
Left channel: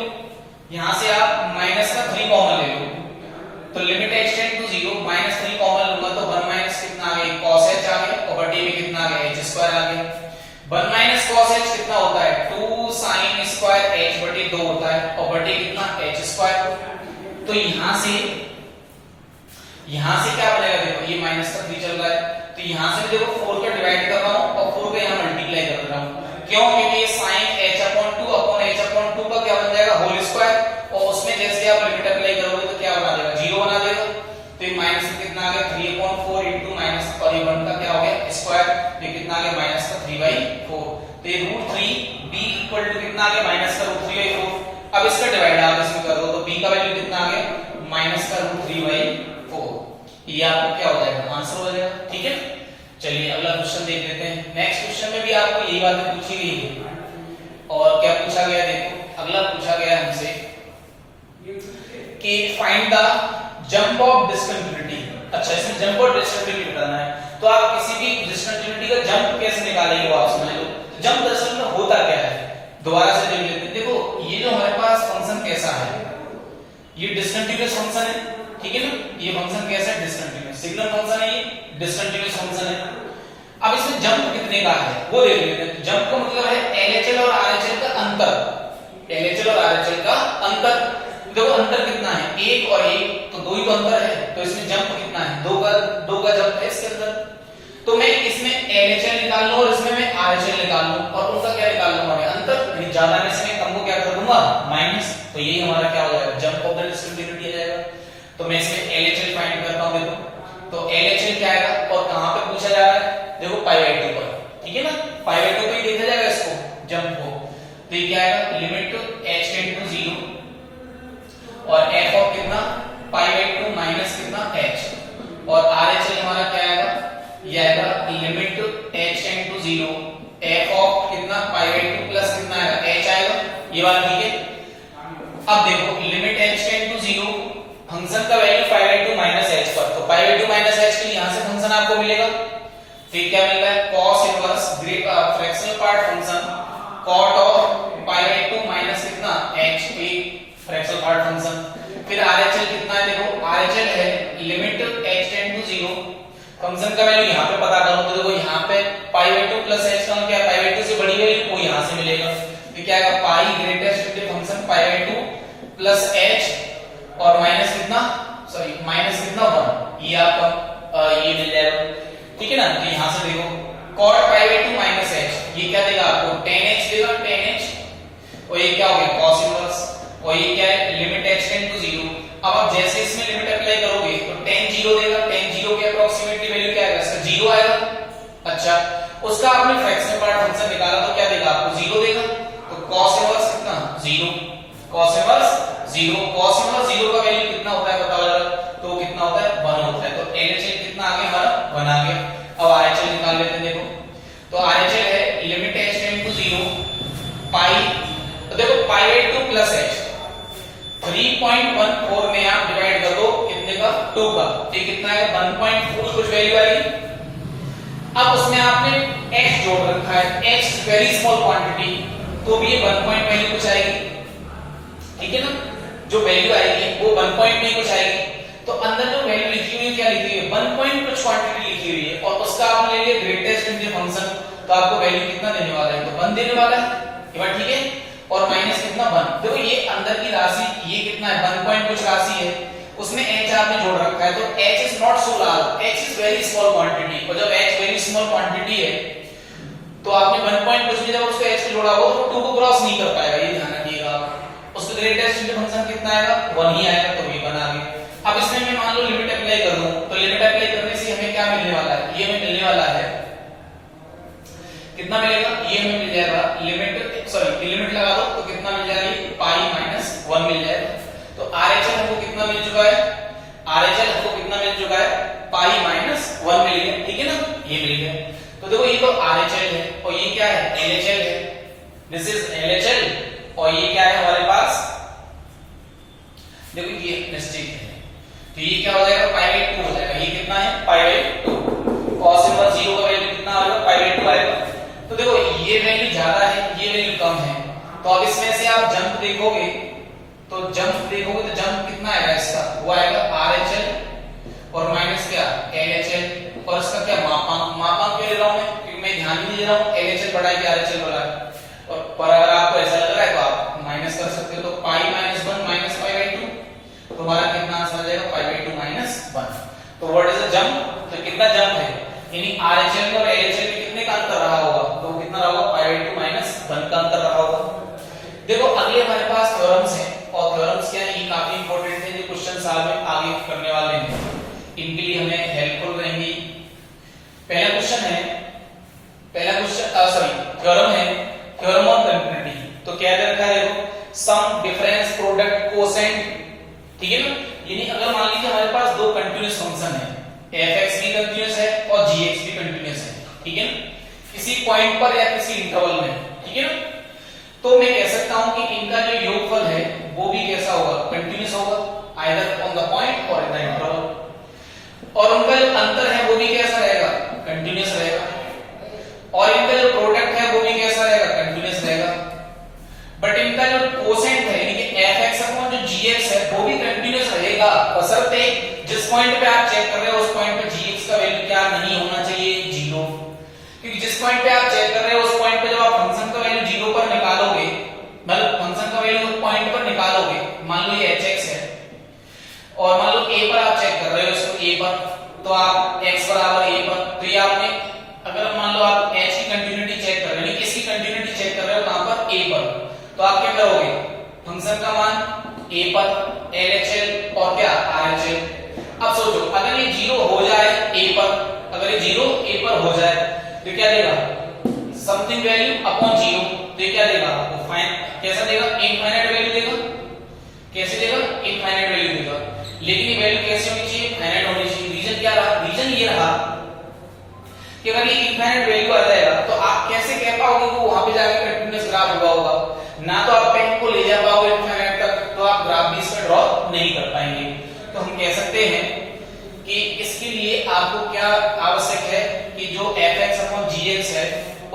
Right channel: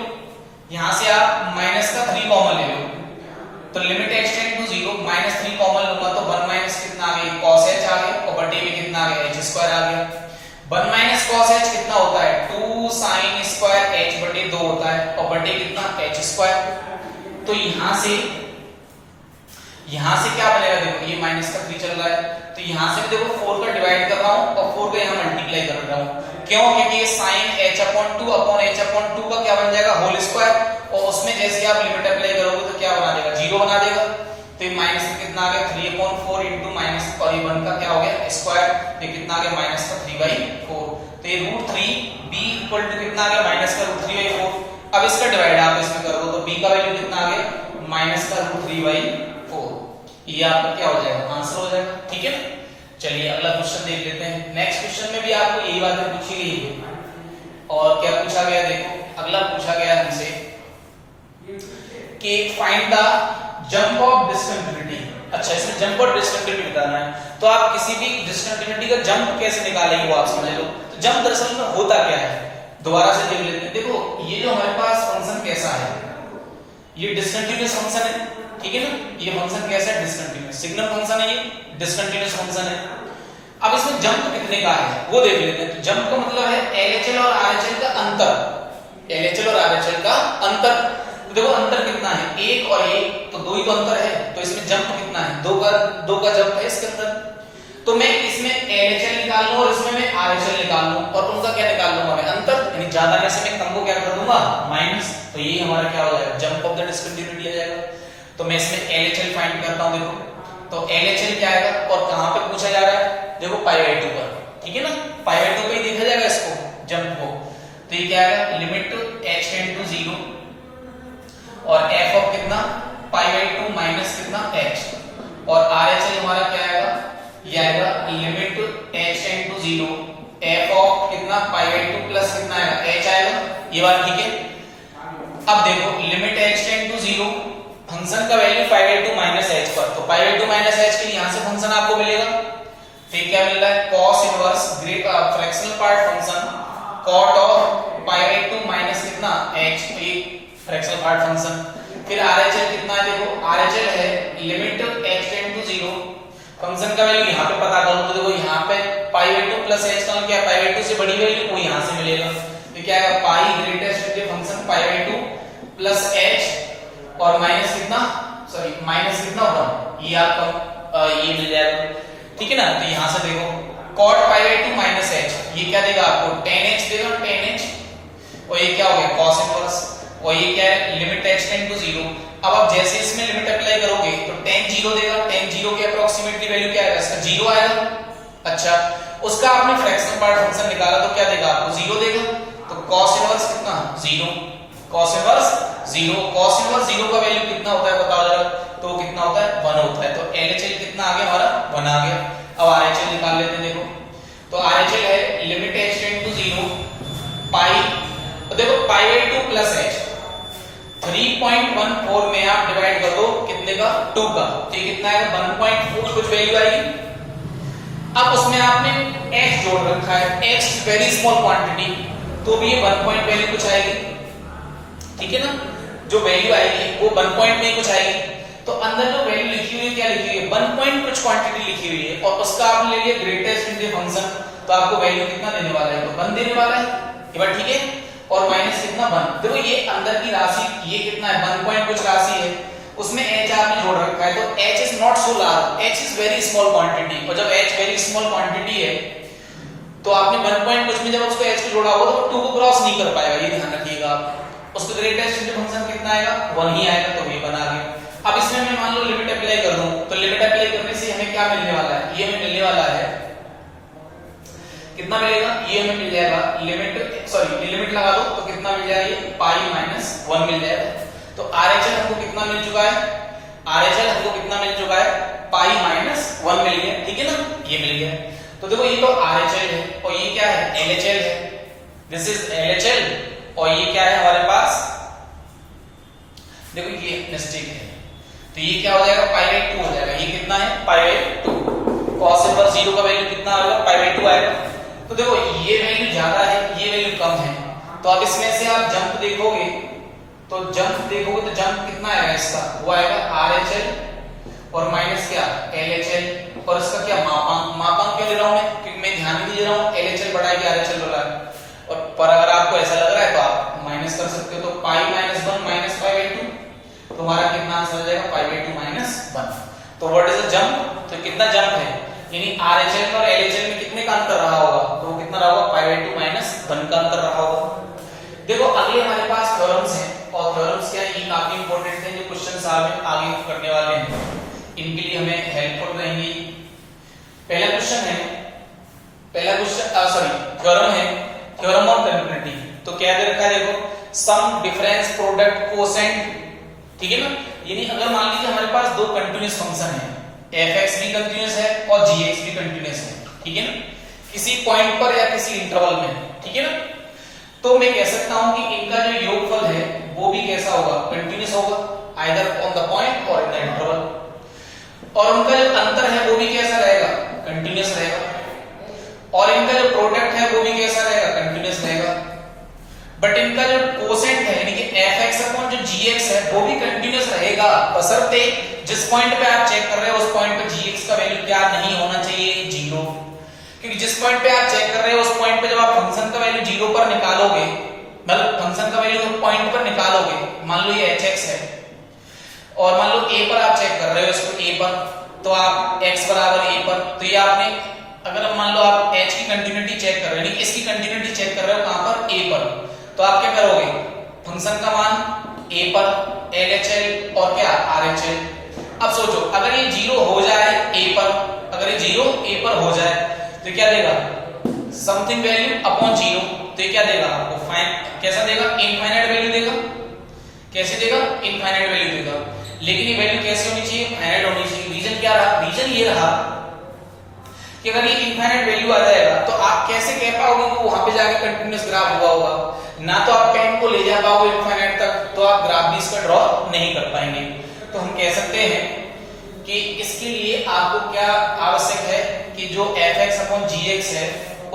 यहां से आप -3 कॉमन ले लो तो limit h tend to 0 -3 common लूंगा तो 1 - कितना आ गया cos h आ गया और बटे में कितना आ गया h² आ गया। 1 - cos h कितना होता है 2 sin स्क्वायर h बटे 2 होता है और बटे कितना h²। तो यहां से क्या बनेगा, देखो ये -3 चल रहा है तो यहां से देखो 4 का डिवाइड कर रहा हूं और 4 का यहां मल्टीप्लाई कर रहा हूं। क्यों? क्योंकि ये sin h/2 अपॉन h/2 का क्या बन जाएगा होल स्क्वायर और उसमें जैसे आप लिमिट अप्लाई करोगे तो क्या बना देगा 0 बना देगा। तो ये माइनस कितना आ गया 3/4 इनटू माइनस और ये 1 का क्या हो गया स्क्वायर, ये कितना आ गया -3/4। तो ये √3b इक्वल टू कितना आ गया -√3/4। अब इसका डिवाइड आप इसमें कर दो तो b का वैल्यू कितना आ गया -√3/4। ये आपको क्या हो जाएगा आंसर हो जाएगा। ठीक है, चलिए अगला क्वेश्चन देख लेते हैं। नेक्स्ट क्वेश्चन में भी आपको यही बातें पूछी गई है और क्या पूछा गया, देखो अगला पूछा गया हमसे कि find the jump of discontinuity. अच्छा, इसमें जंप और डिस्कंटिन्यूटी बताना है तो आप किसी भी डिस्कंटिन्यूटी का जंप कैसे निकालेंगे वो आप समझ लो। तो जंप दरअसल में होता क्या है दोबारा से देख लेते हैं। देखो ये जो हमारे पास फंक्शन कैसा है, ये डिस्कंटिन्यूअस फंक्शन है, ठीक है ना। ये फंक्शन कैसा है डिस्कंटिन्यूअस, सिग्नल फंक्शन है, ये डिस्कंटिन्यूअस फंक्शन है। अब इसमें जंप कितने का है वो देख लेते हैं। तो जंप का मतलब है LHL और RHL का अंतर, LHL और RHL का अंतर। देखो अंतर कितना है 1 और 1 तो 2 ही तो अंतर है, तो इसमें जंप कितना है 2 का जंप है इसके अंदर। तो मैं इसमें LHL निकाल लूं और इसमें मैं RHL निकाल लूं और उनका क्या निकाल लूंगा मैं अंतर, यानी ज्यादा में से मैं कम को क्या कर दूंगा माइनस। तो यही हमारा क्या हो जाएगा जंप ऑफ द डिस्कंटिन्यूटी आ जाएगा। तो मैं इसमें LHL फाइंड करता हूं। देखो तो LHL क्या आएगा और कहां पे पूछा जा रहा है, देखो π/2 पर, ठीक है ना। π/2 पे ही देखा जाएगा इसको जंप को। तो ये क्या आएगा लिमिट h टेंड टू 0 और f ऑफ कितना π/2 माइनस कितना h और RHL हमारा क्या आएगा, ये आएगा limit h tend to 0 f of कितना π/2 प्लस कितना आएगा h आएगा। ये बात ठीक है। अब देखो limit h tend to 0 function का वैल्यू π/2 माइनस h पर, तो π/2 माइनस h के लिए यहां से फंक्शन आपको मिलेगा। ठीक क्या मिल रहा है cos inverse fractional part function cot of π/2 minus कितना h, तो फ्रैक्शनल पार्ट फंक्शन। फिर RHL कितना है, देखो RHL है limit h tend to 0 function का वैल्यू यहां पे पता करो तो देखो यहां पे π/2 प्लस h का क्या π/2 से बड़ी वैल्यू वो यहां से मिलेगा। तो क्या आएगा पाई ग्रेटेस्ट के फंक्शन π/2 प्लस h और माइनस कितना सॉरी माइनस कितना 1, ये आपका ये मिल जाएगा, ठीक है ना। तो यहां से देखो cot π/2 माइनस h ये क्या देगा आपको tan h देगा, tan h और ये क्या हो गया cos इनवर्स और ये क्या है लिमिट h टेंड टू 0। अब आप जैसे इसमें लिमिट अप्लाई करोगे तो tan 0 देगा, tan 0 की अप्रोक्सीमेटली वैल्यू क्या आएगा इसका 0 आएगा। अच्छा उसका आपने फ्रैक्शनल पार्ट फंक्शन निकाला तो क्या देगा आपको 0 देगा। तो cos इनवर्स कितना 0, cos इनवर्स 0, cos इनवर्स 0 का वैल्यू कितना होता है पता लगा तो कितना होता है 1 होता है। तो LHL कितना आ गया हमारा 1 आ गया। अब RHL निकाल लेते हैं। देखो तो RHL है लिमिट h टेंड टू 0 पाई, तो देखो π/2 प्लस h 3.14 में आप डिवाइड कर दो कितने का 2 का, तो ये कितना आएगा 1.4 कुछ वैल्यू आएगी। अब उसमें आपने h जोड़ रखा है, h वेरी स्मॉल क्वांटिटी, तो भी ये 1 पॉइंट वैल्यू कुछ आएगी, ठीक है ना। जो वैल्यू आएगी वो 1 पॉइंट में कुछ आएगी। तो अंदर जो वैल्यू लिखी हुई है क्या लिखी हुई है 1 पॉइंट कुछ क्वांटिटी लिखी हुई है और उसका आपने ले लिया ग्रेटेस्ट इंटीजर फंक्शन, तो आपको वैल्यू कितना देने वाला है तो 1 देने वाला है, ये बात ठीक है। और माइनस कितना 1, देखो ये अंदर की राशि ये कितना है 1 पॉइंट कुछ राशि है, उसमें h आपने जोड़ रखा है। तो h is not so large, h is very small quantity, और जब h वेरी स्मॉल क्वांटिटी है तो आपने 1 पॉइंट कुछ में जब उसको h को जोड़ा होगा तो 2 को क्रॉस नहीं कर पाएगा, ये ध्यान रखिएगा। उसका ग्रेटेस्ट इंटीजर फंक्शन कितना आएगा 1 ही आएगा, तो ये बना गया। अब इसमें मैं मान लो लिमिट अप्लाई कर दूं तो लिमिट अप्लाई करने से हमें क्या मिलने वाला है, ये हमें मिलने वाला है कितना मिलेगा, ये हमें मिल जाएगा लिमिट सॉरी लिमिट लगा दो तो कितना मिल जाएगी पाई माइनस 1 मिल जाएगा। तो RHL हमको कितना मिल चुका है, RHL हमको कितना मिल चुका है पाई माइनस 1 मिल गया, ठीक है ना, ये मिल गया। तो देखो ये तो RHL है और ये क्या है LHL है, दिस इज LHL और ये क्या है हमारे पास, देखो ये मिस्टेक है, तो ये क्या हो जाएगा पाई बाई 2 हो जाएगा, ये कितना है पाई बाई 2, cos इनवर्स 0 का वैल्यू कितना आएगा पाई बाई 2 आएगा। तो देखो ये वैल्यू ज्यादा है ये वैल्यू कम है, तो अब इसमें से आप जंप देखोगे तो जंप कितना आएगा इसका, वो आएगा RHL और माइनस क्या LHL और इसका क्या मापांक क्यों ले रहा हूं मैं, क्योंकि मैं ध्यान नहीं दे रहा हूं LHL बड़ा है कि RHL बड़ा है। और पर अगर आपको ऐसा लग रहा है तो आप माइनस कर सकते हो, तो pi minus 1 minus pi by 2, तो हमारा कितना आंसर आ जाएगा पाई बाई 2 माइनस 1। तो व्हाट इज द जंप, तो कितना जंप है, यानी RHL और LHL में कितने का अंतर रहा होगा, तो वो कितना रहा होगा पाई बाई 2 माइनस 1 का अंतर रहा होगा। देखो अगले हमारे पास थ्योरम्स हैं और थ्योरम्स क्या है, ये काफी इंपॉर्टेंट है, जो क्वेश्चंस आगे करने वाले हैं इनके लिए हमें हेल्पफुल रहेंगी। पहला क्वेश्चन थ्योरम है थ्योरम ऑफ कंटिन्यूटी। तो क्या दे रखा है, देखो सम डिफरेंस प्रोडक्ट कोसेंट, ठीक है ना, यानी अगर मान लीजिए हमारे पास दो कंटीन्यूअस फंक्शन है, fx भी कंटीन्यूअस है और gx भी कंटीन्यूअस है, ठीक है ना, किसी पॉइंट पर या किसी इंटरवल में, ठीक है ना, तो मैं कह सकता हूं कि इनका जो योगफल है वो भी कैसा होगा कंटीन्यूअस होगा, आइदर ऑन द पॉइंट और इन द इंटरवल, और उनका जो अंतर है वो भी कैसा रहेगा कंटीन्यूअस रहेगा, और इनका जो प्रोडक्ट है वो भी कैसा रहेगा कंटीन्यूअस रहेगा। बट इनका जो कोसेंट है यानी कि fx अपॉन जो gx है वो भी कंटीन्यूअस रहेगा, बशर्ते जिस पॉइंट पे आप चेक कर रहे हो उस पॉइंट पे gx का वैल्यू क्या नहीं होना चाहिए 0, क्योंकि जिस पॉइंट पे आप चेक कर रहे हो उस पॉइंट पे जब आप फंक्शन का वैल्यू 0 पर निकालोगे, मतलब फंक्शन का वैल्यू उस पॉइंट पर निकालोगे, मान लो ये hx है और मान लो a पर आप चेक कर रहे हो इसको a पर, तो आप x बराबर a पर, तो ये आपने अगर मान लो आप h की कंटिन्यूटी चेक कर रहे हो, यानी इसकी कंटिन्यूटी चेक कर रहे हो कहां पर a पर, तो आप क्या करोगे फंक्शन का मान a पर LHL और क्या RHL। अब सोचो अगर ये 0 हो जाए a पर, अगर ये 0 a पर हो जाए तो क्या देगा समथिंग वैल्यू अपॉन 0, तो ये क्या देगा आपको फाइन कैसा देगा इनफाइनाइट वैल्यू देगा, कैसे देगा इनफाइनाइट वैल्यू देगा, लेकिन ये वैल्यू कैसे होनी चाहिए फाइनाइट होनी चाहिए। रीजन क्या रहा, रीजन ये रहा कि अगर ये इनफाइनाइट वैल्यू आ जाएगा तो आप कैसे कह पाओगे कि वहां पे जाके कंटीन्यूअस ग्राफ हुआ होगा, ना तो आप पेन को ले जा पाओगे इनफाइनाइट तक, तो आप ग्राफ भी इसका ड्रॉ नहीं कर पाएंगे। तो हम कह सकते हैं कि इसके लिए आपको क्या आवश्यक है कि जो fx अपॉन gx है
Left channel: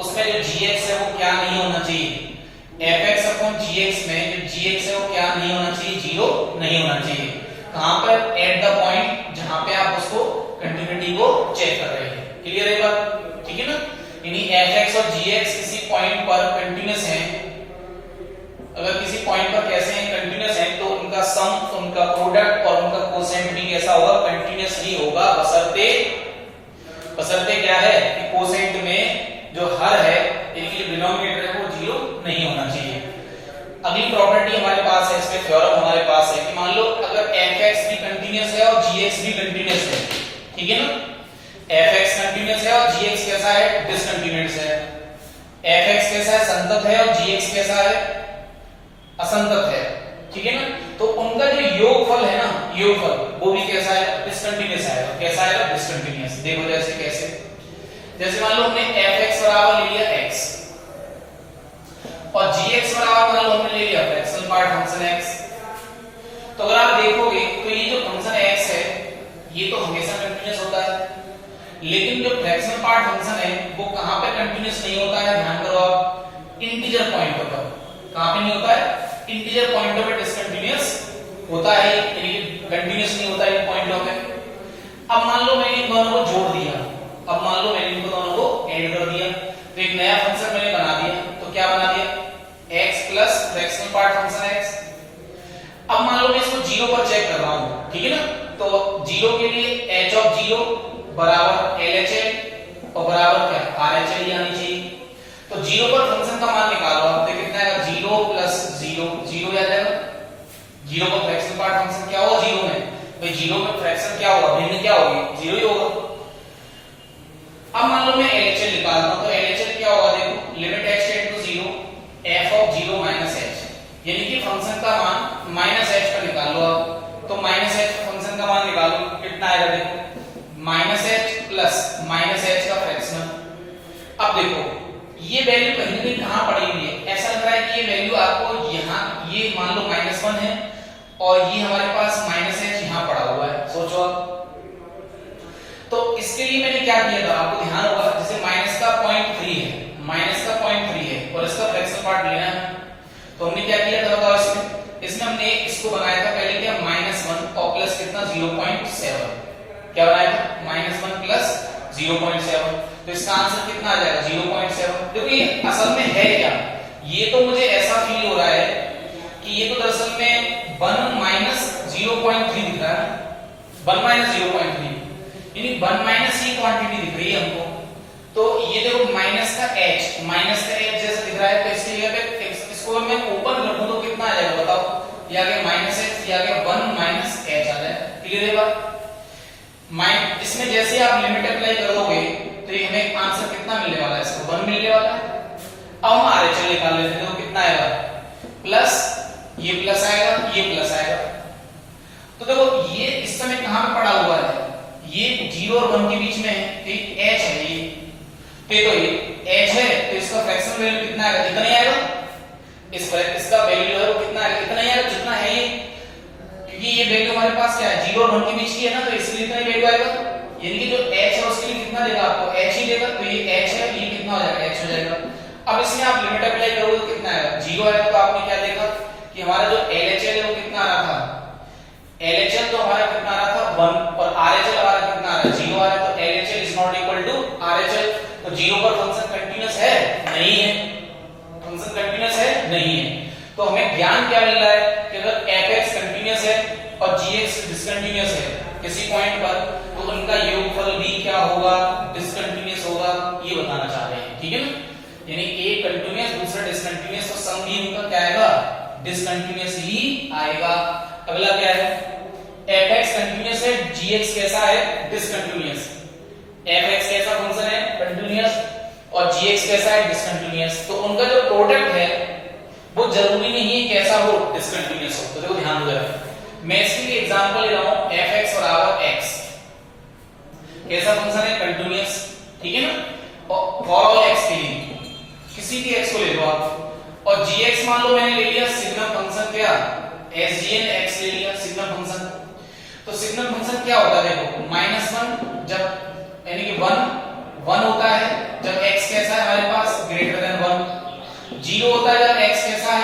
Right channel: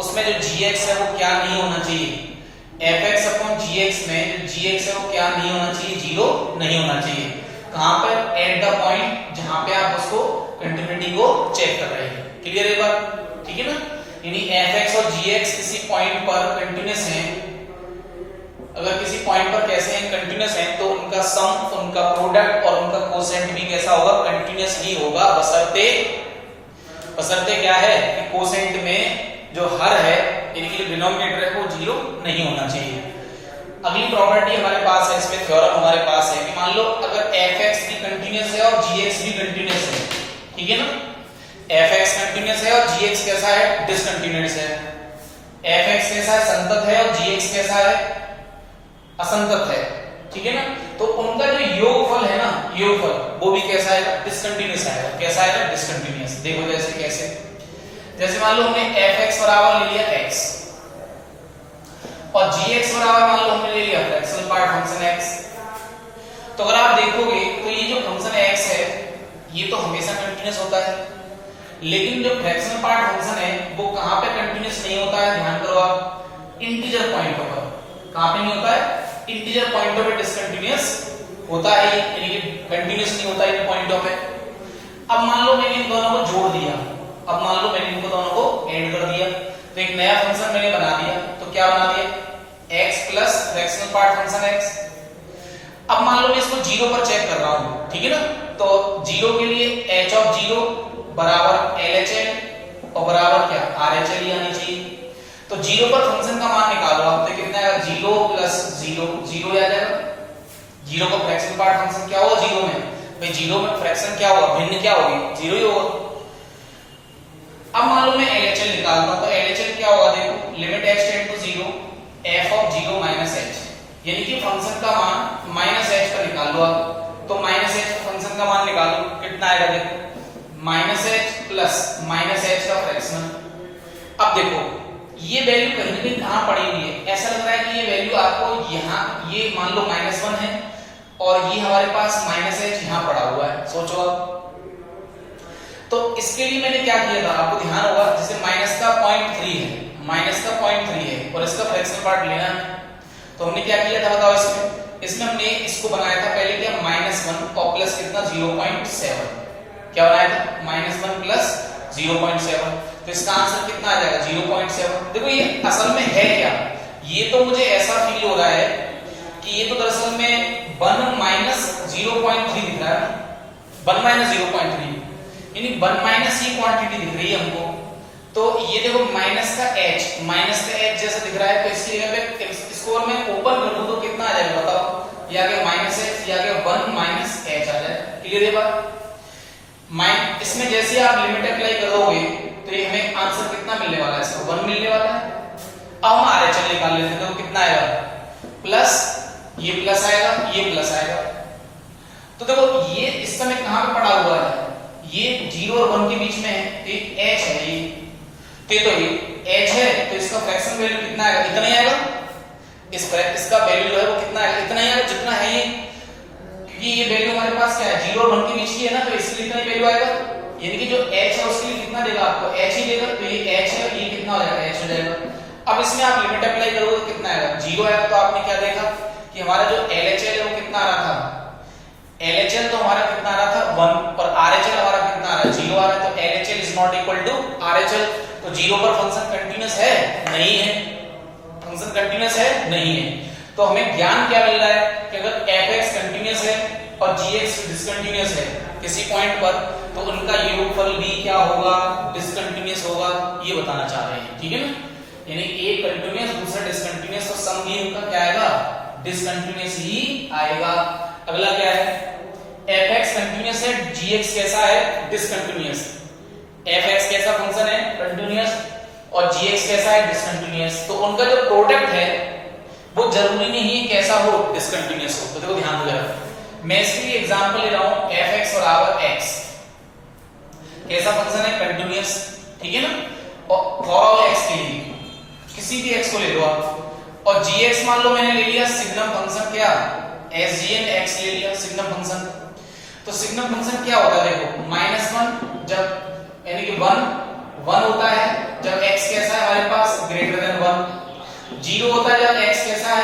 उसमें जो gx है वो क्या नहीं होना चाहिए, fx अपॉन gx में जो gx है वो क्या नहीं होना चाहिए 0 नहीं होना चाहिए, कहां पर एट द पॉइंट जहां पे आप उसको कंटिन्यूटी को चेक कर रहे हैं। क्लियर है बात, ठीक है ना, यानी fx और gx किसी पॉइंट पर कंटीन्यूअस हैं, अगर किसी पॉइंट पर कैसे हैं कंटीन्यूअस हैं तो उनका सम, उनका प्रोडक्ट और उनका कोसेंट भी कैसा होगा कंटीन्यूअस ही होगा, बशर्ते क्या है कि कोसेंट में जो हर है यानी जो डिनोमिनेटर है वो 0 नहीं होना चाहिए। अगली प्रॉपर्टी हमारे पास है, इसमें थ्योरम हमारे पास है कि मान लो अगर fx भी कंटीन्यूअस है और gx भी कंटीन्यूअस है, ठीक है ना, fx कंटीन्यूअस है और gx कैसा है डिसकंटीन्यूअस है, fx कैसा है संतत है और gx कैसा है असंतत है, ठीक है ना, तो उनका जो योगफल है ना योगफल वो भी कैसा है डिसकंटीन्यूअस है, कैसा है डिसकंटीन्यूअस। देखो कैसे जैसे मान लो हमने fx बराबर ले लिया x और gx बराबर मान लो हमने ले लिया फ्रैक्शनल पार्ट फंक्शन x, तो अगर आप देखोगे तो ये जो फंक्शन x है ये तो हमेशा कंटीन्यूअस होता है, लेकिन जो फ्रैक्शनल पार्ट फंक्शन है वो कहां पे कंटीन्यूअस नहीं होता है, ध्यान करो आप इंटीजर पॉइंटों पर, कहां पे नहीं होता है इंटीजर पॉइंटों पे डिसकंटीन्यूअस होता है, यानी कंटीन्यूअस नहीं होता है इन पॉइंटों पे। अब मान लो मैंने इन दोनों को जोड़ दिया, अब मान लो मैंने इनको दोनों को ऐड कर दिया तो एक नया फंक्शन मैंने बना दिया, तो क्या बना दिया x plus fractional part function x। अब मान लो मैं इसको 0 पर चेक कर रहा हूं, ठीक है ना, तो 0 के लिए h ऑफ 0 बराबर LHL और बराबर क्या RHL आनी चाहिए, तो 0 पर फंक्शन का मान निकालो आप, तो कितना आएगा 0 प्लस 0 0 आ जाएगा, 0 का फ्रैक्शनल पार्ट फंक्शन क्या होगा 0 में, भाई 0 में फ्रैक्शन क्या होगा भिन्न क्या होगी 0 ही होगा। अब मान लो मैं LHL निकालता हूं, तो LHL क्या होगा देखो limit x tend to 0 f of 0 minus h, यानी कि फंक्शन का मान माइनस h पर निकाल लो आप। तो माइनस h पर फंक्शन का मान निकालो, कितना आएगा देखो, minus h plus minus h का फ्रैक्शन। अब देखो ये वैल्यू कहीं भी कहां पड़ी हुई है, ऐसा लग रहा है कि ये वैल्यू आपको यहाँ, ये मान लो -1 है और ये हमारे पास माइनस h यहाँ पड़ा हुआ है, सोचो आप। तो इसके लिए मैंने क्या किया था, आपको ध्यान होगा, जैसे माइनस का 0.3 है, माइनस का 0.3 है और इसका फ्रैक्शन पार्ट लेना है, तो हमने क्या किया था बताओ, इसमें हमने इसको बनाया था पहले क्या, -1 और प्लस कितना 0.7, क्या बनाया था -1 प्लस 0.7, तो इसका आंसर कितना आ जाएगा 0.7। देखो ये असल में है क्या, ये तो मुझे ऐसा फील हो रहा है कि ये तो दरअसल में 1 माइनस 0.3 दिख रहा है, 1 माइनस 0.3 यानी 1 माइनस ही क्वांटिटी दिख रही है हमको। तो ये देखो माइनस का h जैसा दिख रहा है, तो इसकी जगह पे इसको मैं ओपन कर दूं तो कितना आ जाएगा बताओ, ये आ गया -h, ये आ गया 1 माइनस h आ जाएगा। क्लियर है बात? इसमें जैसे आप लिमिट अप्लाई करोगे तो ये हमें आंसर कितना मिलने वाला है, इसको 1 मिलने वाला है। अब हम RHL निकाल लेते हैं, तो कितना आएगा, प्लस ये प्लस आएगा, ये प्लस आएगा। तो देखो ये इस समय कहां पे पड़ा हुआ है, ये 0 और 1 के बीच में है, तो ये h है, ये तो ये h है, तो इसका फ्रैक्शन वैल्यू कितना आएगा, इतना ही आएगा। इसका वैल्यू जो है वो कितना आएगा, इतना ही आएगा जितना है ये, क्योंकि ये वैल्यू हमारे पास क्या है 0 और 1 के बीच की है ना, तो इसलिए इतना ही वैल्यू आएगा। यानी कि जो h है उसके लिए कितना देगा आपको, h ही देगा, तो ये h है, ये कितना हो जाएगा, h हो जाएगा। अब इसमें आप लिमिट अप्लाई करोगे तो कितना आएगा, 0 आएगा। तो आपने क्या देखा कि हमारा जो LHL है वो कितना आ रहा था, LHL तो हमारा कितना आ रहा था 1 और RHL हमारा कितना आ रहा है 0 आ रहा है, तो LHL is not equal to RHL। तो 0 पर फंक्शन कंटीन्यूअस है, नहीं है, फंक्शन कंटीन्यूअस है, नहीं है। तो हमें ज्ञान क्या मिल रहा है कि अगर fx कंटीन्यूअस है और gx डिसकंटीन्यूअस है किसी पॉइंट पर, तो उनका योगफल भी क्या होगा, डिसकंटीन्यूअस होगा, ये बताना चाह रहे हैं। ठीक है ना, यानी एक कंटीन्यूअस दूसरा डिसकंटीन्यूअस, तो सम भी उनका क्या आएगा, डिसकंटीन्यूअस ही आएगा। अगला क्या है, fx कंटीन्यूअस है, gx कैसा है, डिसकंटीन्यूअस। fx कैसा फंक्शन है, कंटीन्यूअस, और gx कैसा है, डिसकंटीन्यूअस। तो उनका जो प्रोडक्ट है वो जरूरी नहीं है कैसा हो, डिसकंटीन्यूअस हो। तो देखो ध्यान दो जरा, मैं इसके लिए एग्जांपल ले रहा हूं fx बराबर x, कैसा फंक्शन है, कंटीन्यूअस, ठीक है ना। और फॉर ऑल x के लिए किसी भी x को ले लो आप, और gx मान लो मैंने ले लिया सिग्नम फंक्शन, क्या sgn x ले लिया सिग्नम फंक्शन। तो सिग्नम फंक्शन क्या होता है, देखो -1 जब, यानी कि 1 होता है जब x कैसा है हमारे पास ग्रेटर देन 1, 0 होता है जब x कैसा है